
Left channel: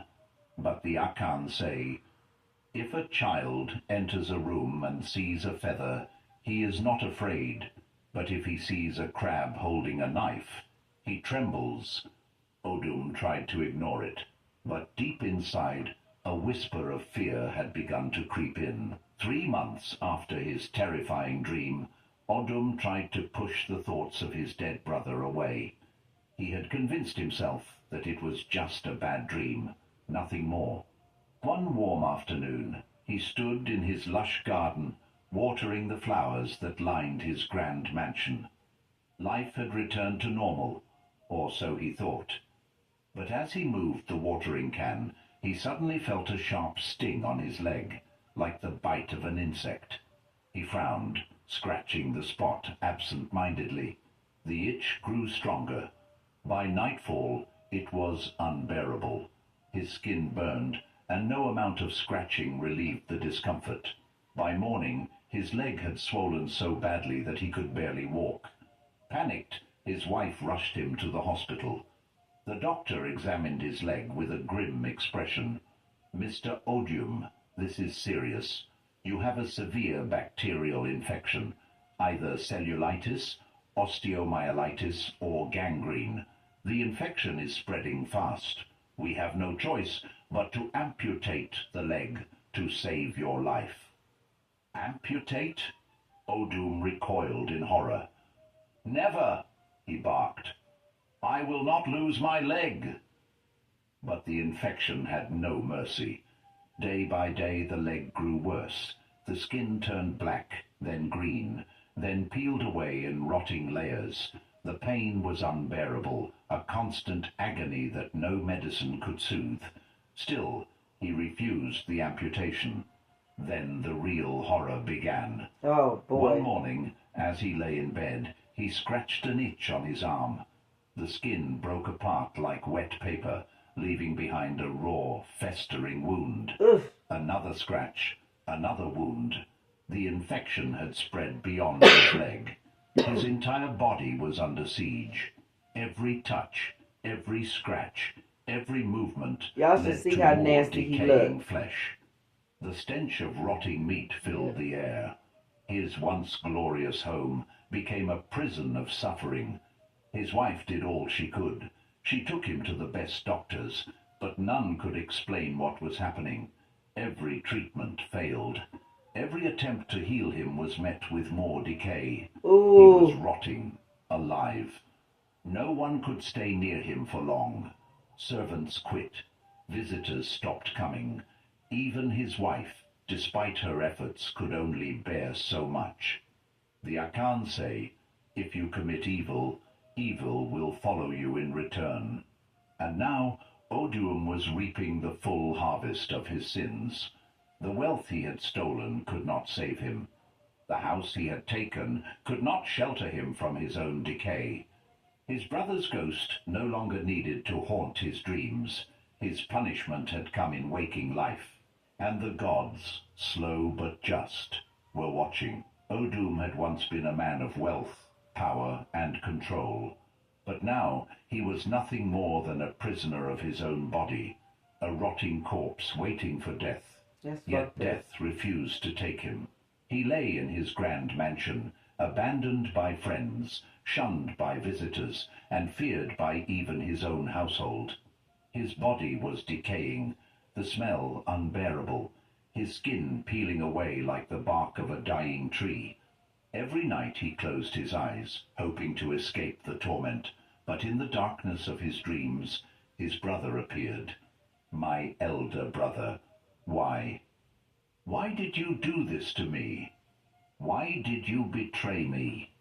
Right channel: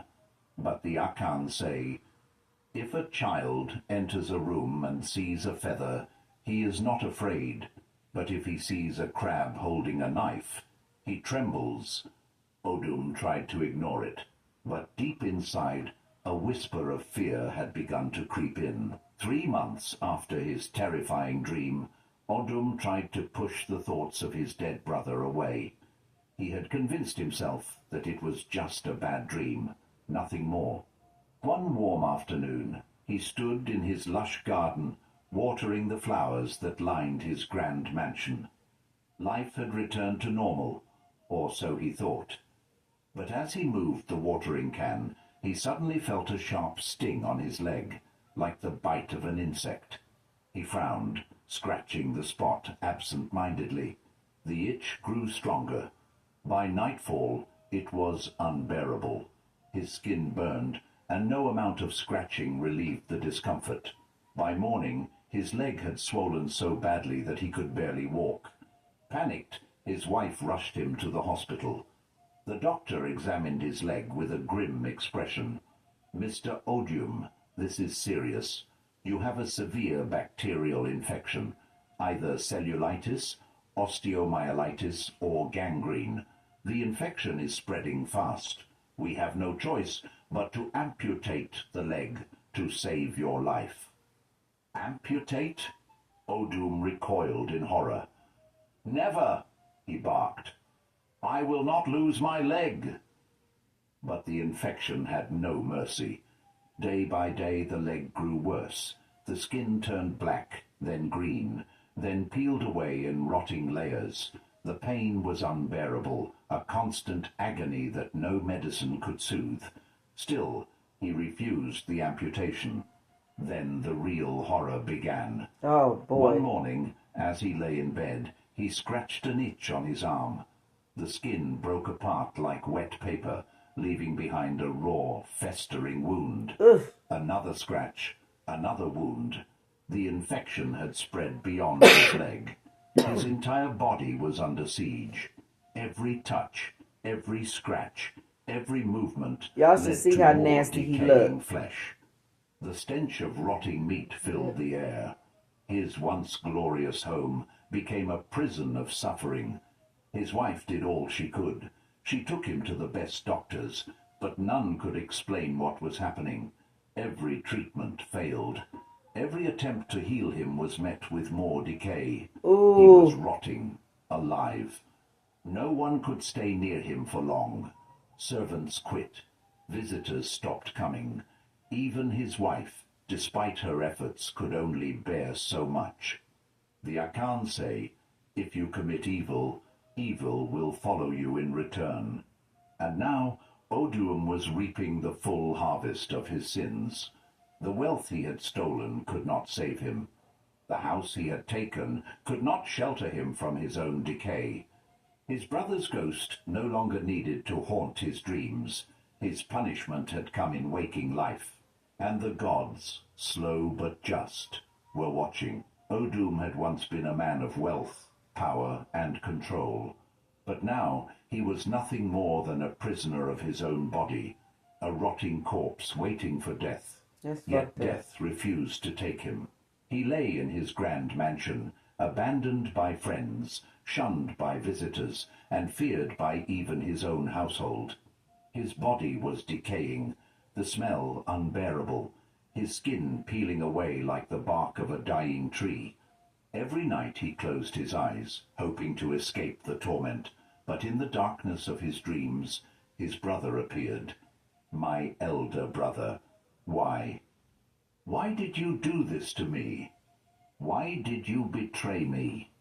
But the Akan say, if a child enters a room and sees a feather, he is not afraid, but if he sees a crab holding a knife, he trembles. Oduum tried to ignore it, but deep inside, a whisper of fear had begun to creep in. 3 months after his terrifying dream, Oduum tried to push the thoughts of his dead brother away. He had convinced himself that it was just a bad dream, nothing more. One warm afternoon, he stood in his lush garden, watering the flowers that lined his grand mansion. Life had returned to normal, or so he thought. But as he moved the watering can, he suddenly felt a sharp sting on his leg, like the bite of an insect. He frowned, scratching the spot absent-mindedly. The itch grew stronger. By nightfall, it was unbearable. His skin burned, and no amount of scratching relieved the discomfort. By morning, his leg had swollen so badly that he could barely walk. Panicked, his wife rushed him to the hospital. The doctor examined his leg with a grim expression. "Mr. Oduum, this is serious. You have a severe bacterial infection, either cellulitis, osteomyelitis, or gangrene. The infection is spreading fast. We have no choice but to amputate the leg to save your life." "Amputate?" Oduum recoiled in horror. "Never!" he barked. "I will not lose my leg." But the infection had no mercy. Day by day the leg grew worse. The skin turned black, then green, then peeled away in rotting layers. The pain was unbearable, a constant agony that no medicine could soothe. Still, he refused the amputation. Then the real horror began. Oh, boy. One morning, as he lay in bed, he scratched an itch on his arm. The skin broke apart like wet paper, leaving behind a raw, festering wound. Ugh. Another scratch, another wound. The infection had spread beyond his leg. His entire body was under siege. Every touch, every scratch, every movement Y'all should led see to how more nasty he decaying looked. flesh. The stench of rotting meat filled the air. His once glorious home became a prison of suffering. His wife did all she could. She took him to the best doctors, but none could explain what was happening. Every treatment failed. Every attempt to heal him was met with more decay. Ooh. He was rotting, alive. No one could stay near him for long. Servants quit. Visitors stopped coming. Even his wife, despite her efforts, could only bear so much. The Akan say, if you commit evil, evil will follow you in return. And now Oduum was reaping the full harvest of his sins. The wealth he had stolen could not save him. The house he had taken could not shelter him from his own decay. His brother's ghost no longer needed to haunt his dreams. His punishment had come in waking life. And the gods, slow but just, were watching. Oduum had once been a man of wealth, power, and control. But now he was nothing more than a prisoner of his own body, a rotting corpse waiting for death. Yet death refused to take him. He lay in his grand mansion, abandoned by friends, shunned by visitors, and feared by even his own household. His body was decaying, the smell unbearable, his skin peeling away like the bark of a dying tree. Every night he closed his eyes, hoping to escape the torment, but in the darkness of his dreams his brother appeared. My elder brother. Why? Why did you do this to me? Why did you betray me?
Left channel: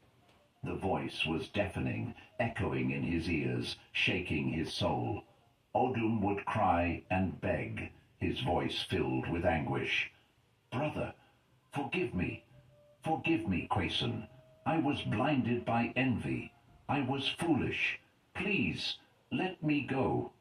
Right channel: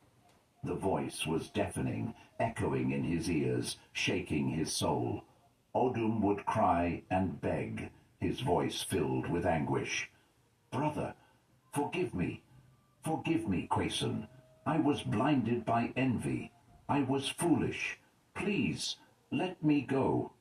The voice was deafening, echoing in his ears, shaking his soul. Odum would cry and beg, his voice filled with anguish. Brother, forgive me. Forgive me, Quason. I was blinded by envy. I was foolish. Please, let me go.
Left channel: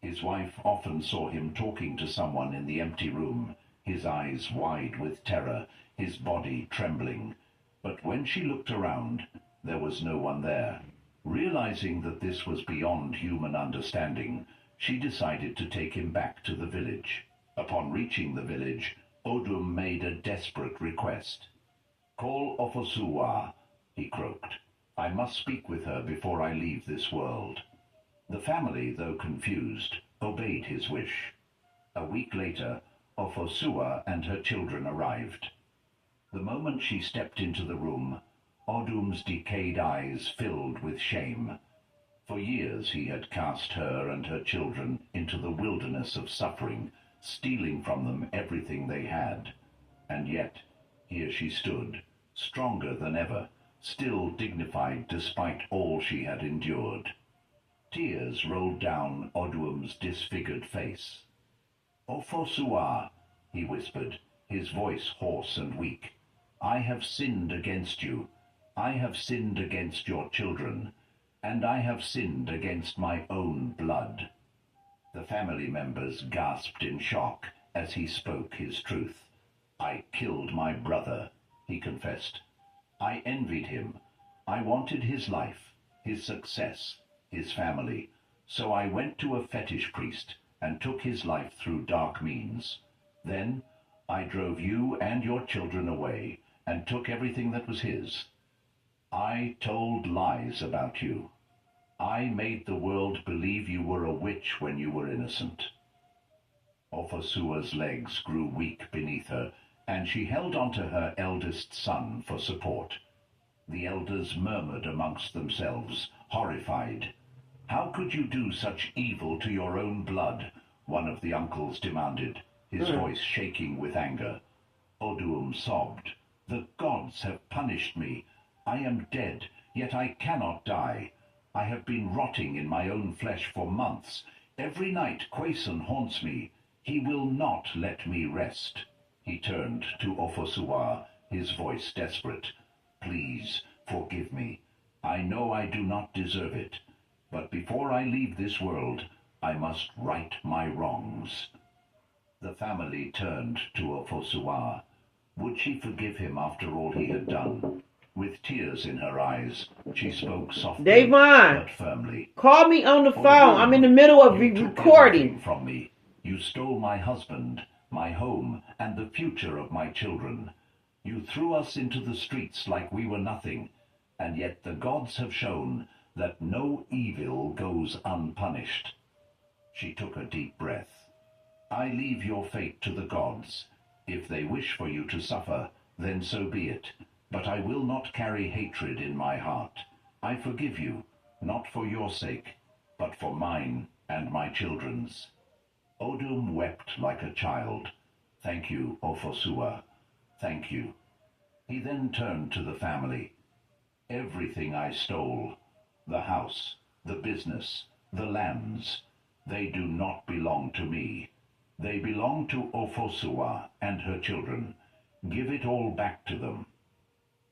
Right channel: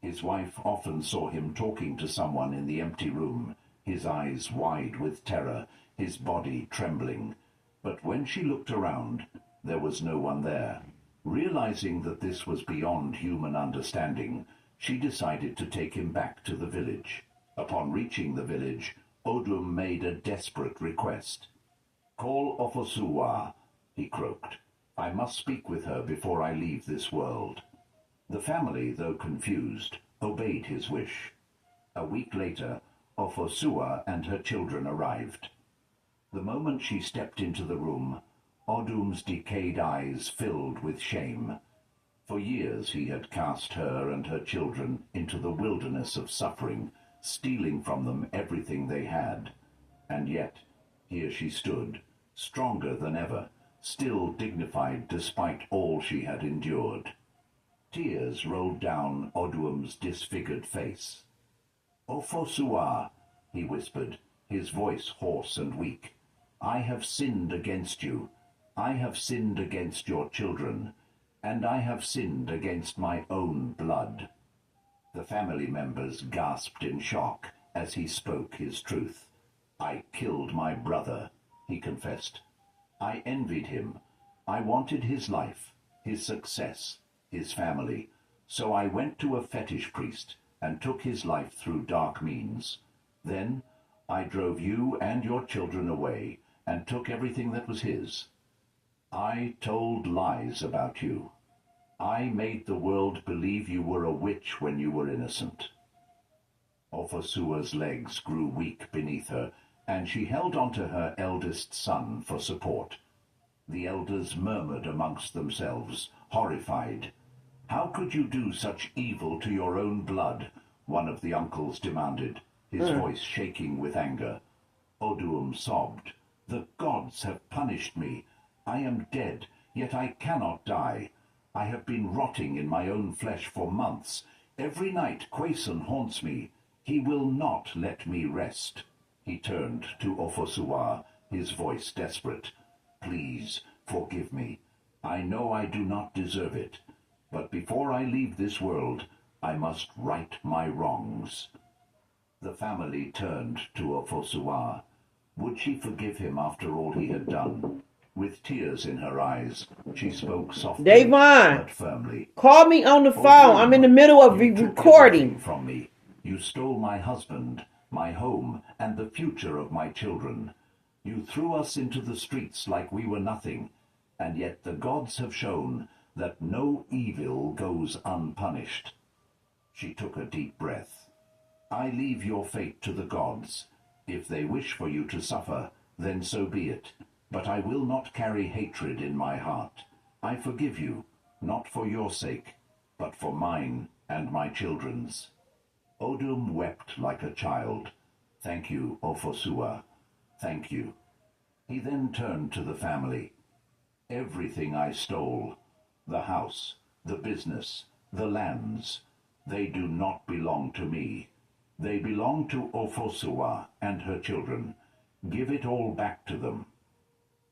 His wife often saw him talking to someone in the empty room, his eyes wide with terror, his body trembling. But when she looked around, there was no one there. Realizing that this was beyond human understanding, she decided to take him back to the village. Upon reaching the village, Odum made a desperate request. Call Ofosuwa, he croaked. I must speak with her before I leave this world. The family, though confused, obeyed his wish. A week later, Ofosuwa and her children arrived. The moment she stepped into the room, Odum's decayed eyes filled with shame. For years he had cast her and her children into the wilderness of suffering, stealing from them everything they had. And yet, here she stood, stronger than ever, still dignified despite all she had endured. Tears rolled down Odum's disfigured face. Ofosuwa, he whispered, his voice hoarse and weak. I have sinned against you. I have sinned against your children, and I have sinned against my own blood. The family members gasped in shock as he spoke his truth. I killed my brother, he confessed. I envied him. I wanted his life, his success, his family. So I went to a fetish priest and took his life through dark means. Then I drove you and your children away and took everything that was his. I told lies about you. I made the world believe you were a witch when you were innocent. Ofosuwa's legs grew weak beneath her, and she held on to her eldest son for support. The elders murmured amongst themselves, horrified. How could you do such evil to your own blood? One of the uncles demanded, his voice shaking with anger. Odum sobbed. The gods have punished me. I am dead, yet I cannot die. I have been rotting in my own flesh for months. Every night Quason haunts me. He will not let me rest. He turned to Ofosuwa, his voice desperate. Please, forgive me. I know I do not deserve it. But before I leave this world, I must right my wrongs. The family turned to Ofosuwa. Would she forgive him after all he had done? With tears in her eyes, she spoke softly Davon, but firmly. call me on the phone. I'm in the middle of recording. From me. You stole my husband, my home, and the future of my children. You threw us into the streets like we were nothing, and yet the gods have shown that no evil goes unpunished. She took a deep breath. I leave your fate to the gods. If they wish for you to suffer, then so be it. But I will not carry hatred in my heart. I forgive you, not for your sake, but for mine and my children's. Odum wept like a child. Thank you, Ofosuwa. Thank you. He then turned to the family. Everything I stole, the house, the business, the lands, they do not belong to me. They belong to Ofosuwa and her children. Give it all back to them.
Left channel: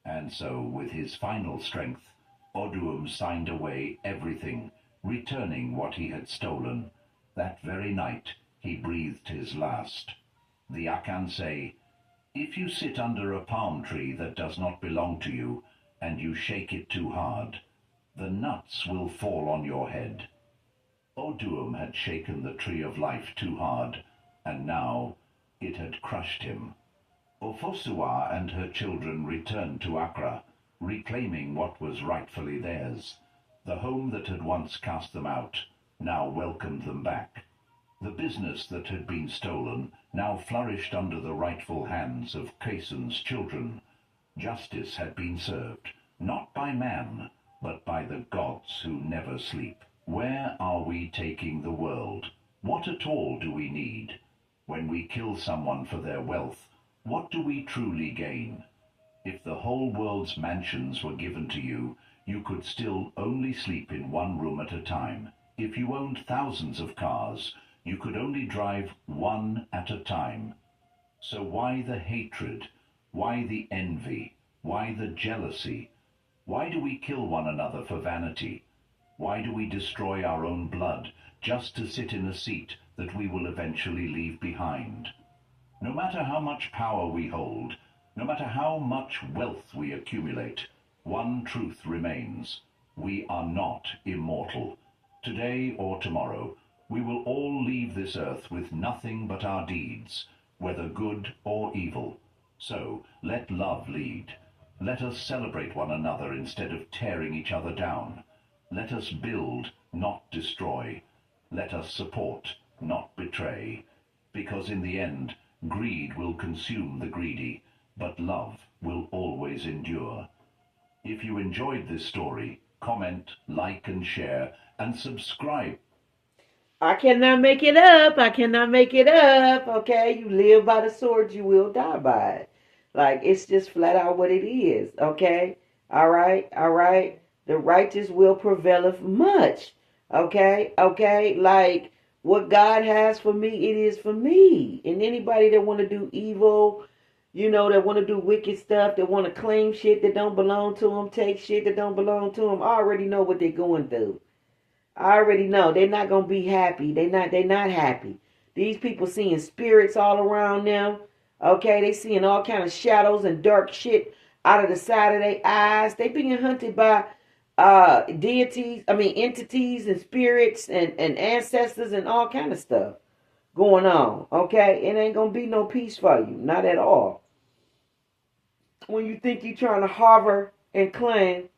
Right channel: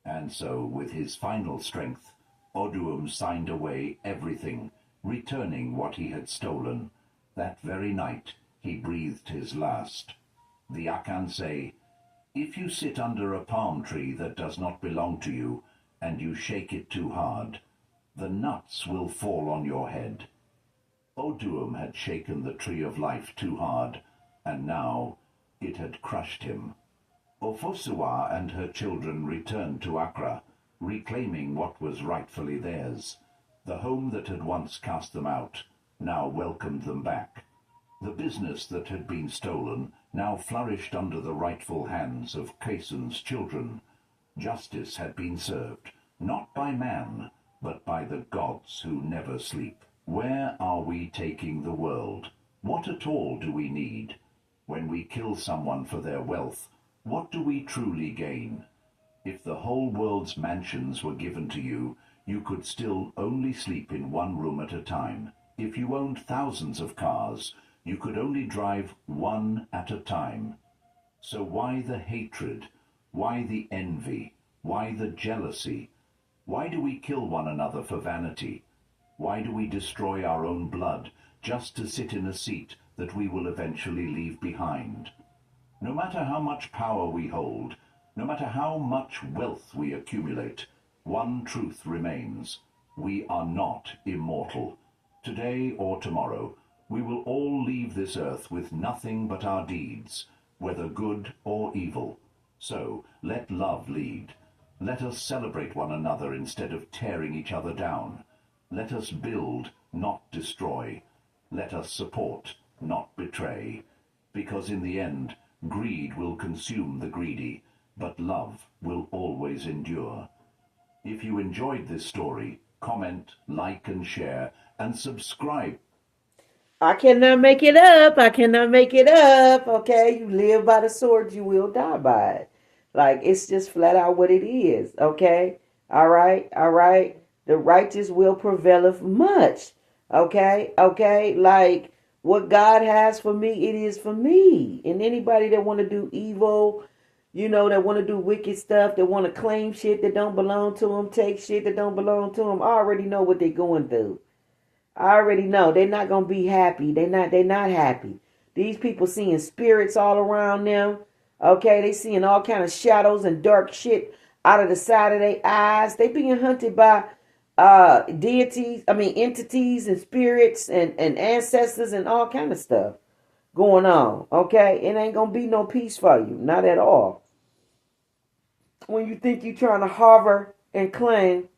And so, with his final strength, Odum signed away everything, returning what he had stolen. That very night, he breathed his last. The Akan say, if you sit under a palm tree that does not belong to you, and you shake it too hard, the nuts will fall on your head. Odum had shaken the tree of life too hard, and now it had crushed him. Ofosuwa and her children returned to Accra, reclaiming what was rightfully theirs. The home that had once cast them out, now welcomed them back. The business that had been stolen now flourished under the rightful hands of Cason's children. Justice had been served, not by man, but by the gods who never sleep. Where are we taking the world? What at all do we need? When we kill someone for their wealth, what do we truly gain? If the whole world's mansions were given to you, you could still only sleep in one room at a time. If you owned thousands of cars, you could only drive one at a time. So why the hatred? Why the envy? Why the jealousy? Why do we kill one another for vanity? Why do we destroy our own blood just to sit in a seat that we will eventually leave behind? No matter how much power we hold, no matter how much wealth we accumulate, one truth remains. We are not immortal. Today or tomorrow, we will all leave this earth with nothing but our deeds, whether good or evil. So let love lead. Let us celebrate one another instead of tearing each other down. Let us build, not destroy. Let us support, not betray. Because in the end, greed will consume the greedy, but love will always endure. If you enjoyed this story, comment, like and share, and subscribe. I cannot make it up. I cannot make it up. Okay, you live by the sword, you will die by it. Like, it's just flat out what it is. Okay, all right. The righteous will prevaileth much. Okay. Like, what God has for me, it is for me. And anybody that want to do evil, that want to do wicked stuff, that want to claim shit that don't belong to them, take shit that don't belong to them, I already know what they're going through. I already know they're not going to be happy. They're not happy. These people seeing spirits all around them. Okay, they seeing all kind of shadows and dark shit out of the side of their eyes. They being hunted by entities and spirits and ancestors and all kind of stuff going on. Okay, it ain't going to be no peace for you. Not at all. When you think you're trying to hover and claim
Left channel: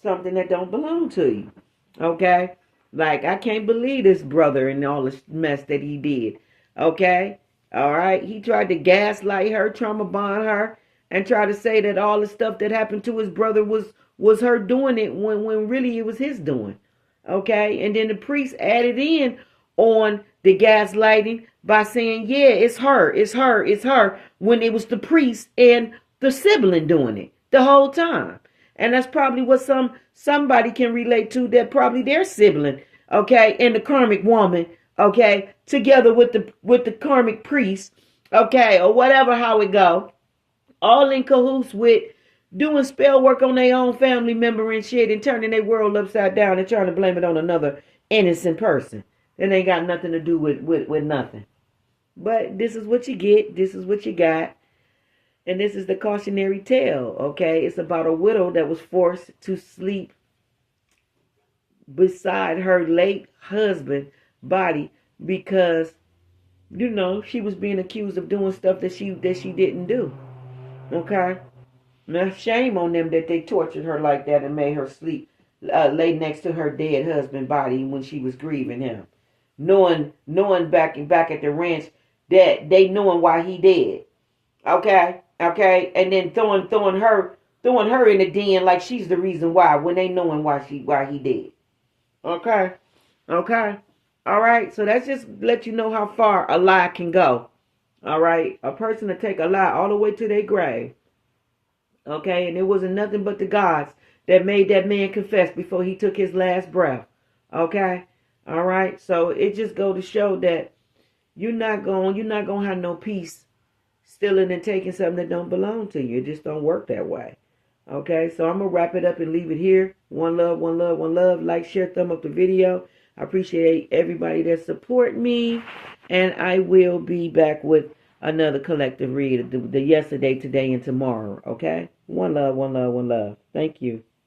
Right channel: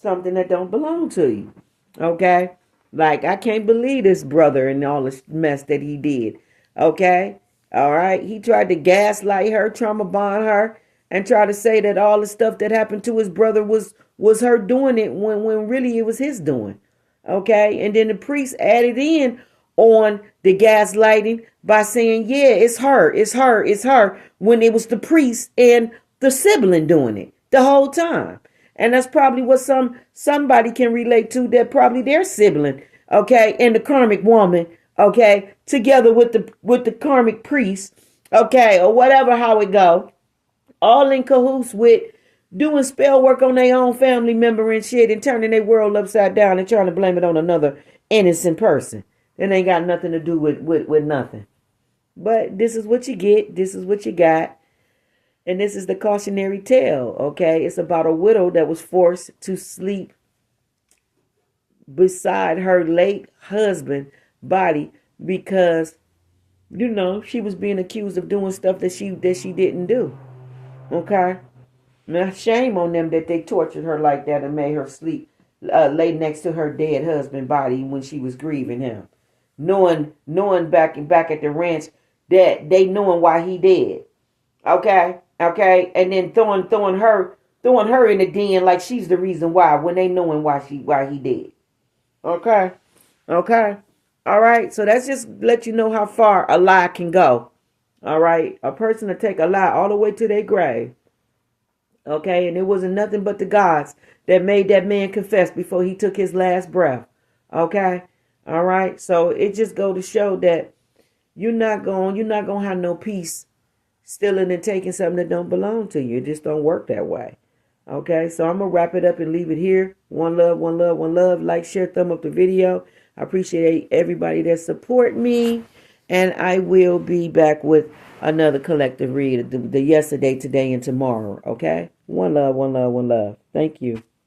something that don't belong to you. Okay? Like, I can't believe this brother and all this mess that he did. Okay? All right? He tried to gaslight her, trauma bond her, and try to say that all the stuff that happened to his brother was her doing it when really it was his doing. Okay? And then the priest added in on the gaslighting by saying, yeah, it's her, when it was the priest and the sibling doing it the whole time. And that's probably what somebody can relate to, that probably their sibling, okay, and the karmic woman, okay, together with the karmic priest, okay, or whatever, how it go, all in cahoots with doing spell work on their own family member and shit and turning their world upside down and trying to blame it on another innocent person. It ain't got nothing to do with nothing. But this is what you get. This is what you got. And this is the cautionary tale, okay? It's about a widow that was forced to sleep beside her late husband's body because, she was being accused of doing stuff that she didn't do, okay? Now, shame on them that they tortured her like that and made her sleep, lay next to her dead husband's body when she was grieving him, knowing back at the ranch that they knowing why he dead, okay? Okay, and then throwing her in the den like she's the reason why, when they knowing why he did. Okay, all right. So that's just let you know how far a lie can go. All right, a person to take a lie all the way to their grave. Okay, and it wasn't nothing but the gods that made that man confess before he took his last breath. Okay, all right. So it just go to show that you're not gonna have no peace stealing and taking something that don't belong to you. It just don't work that way. Okay, so I'm going to wrap it up and leave it here. One love, one love, one love. Like, share, thumb up the video. I appreciate everybody that support me. And I will be back with another collective read, the yesterday, today, and tomorrow. Okay? One love, one love, one love. Thank you.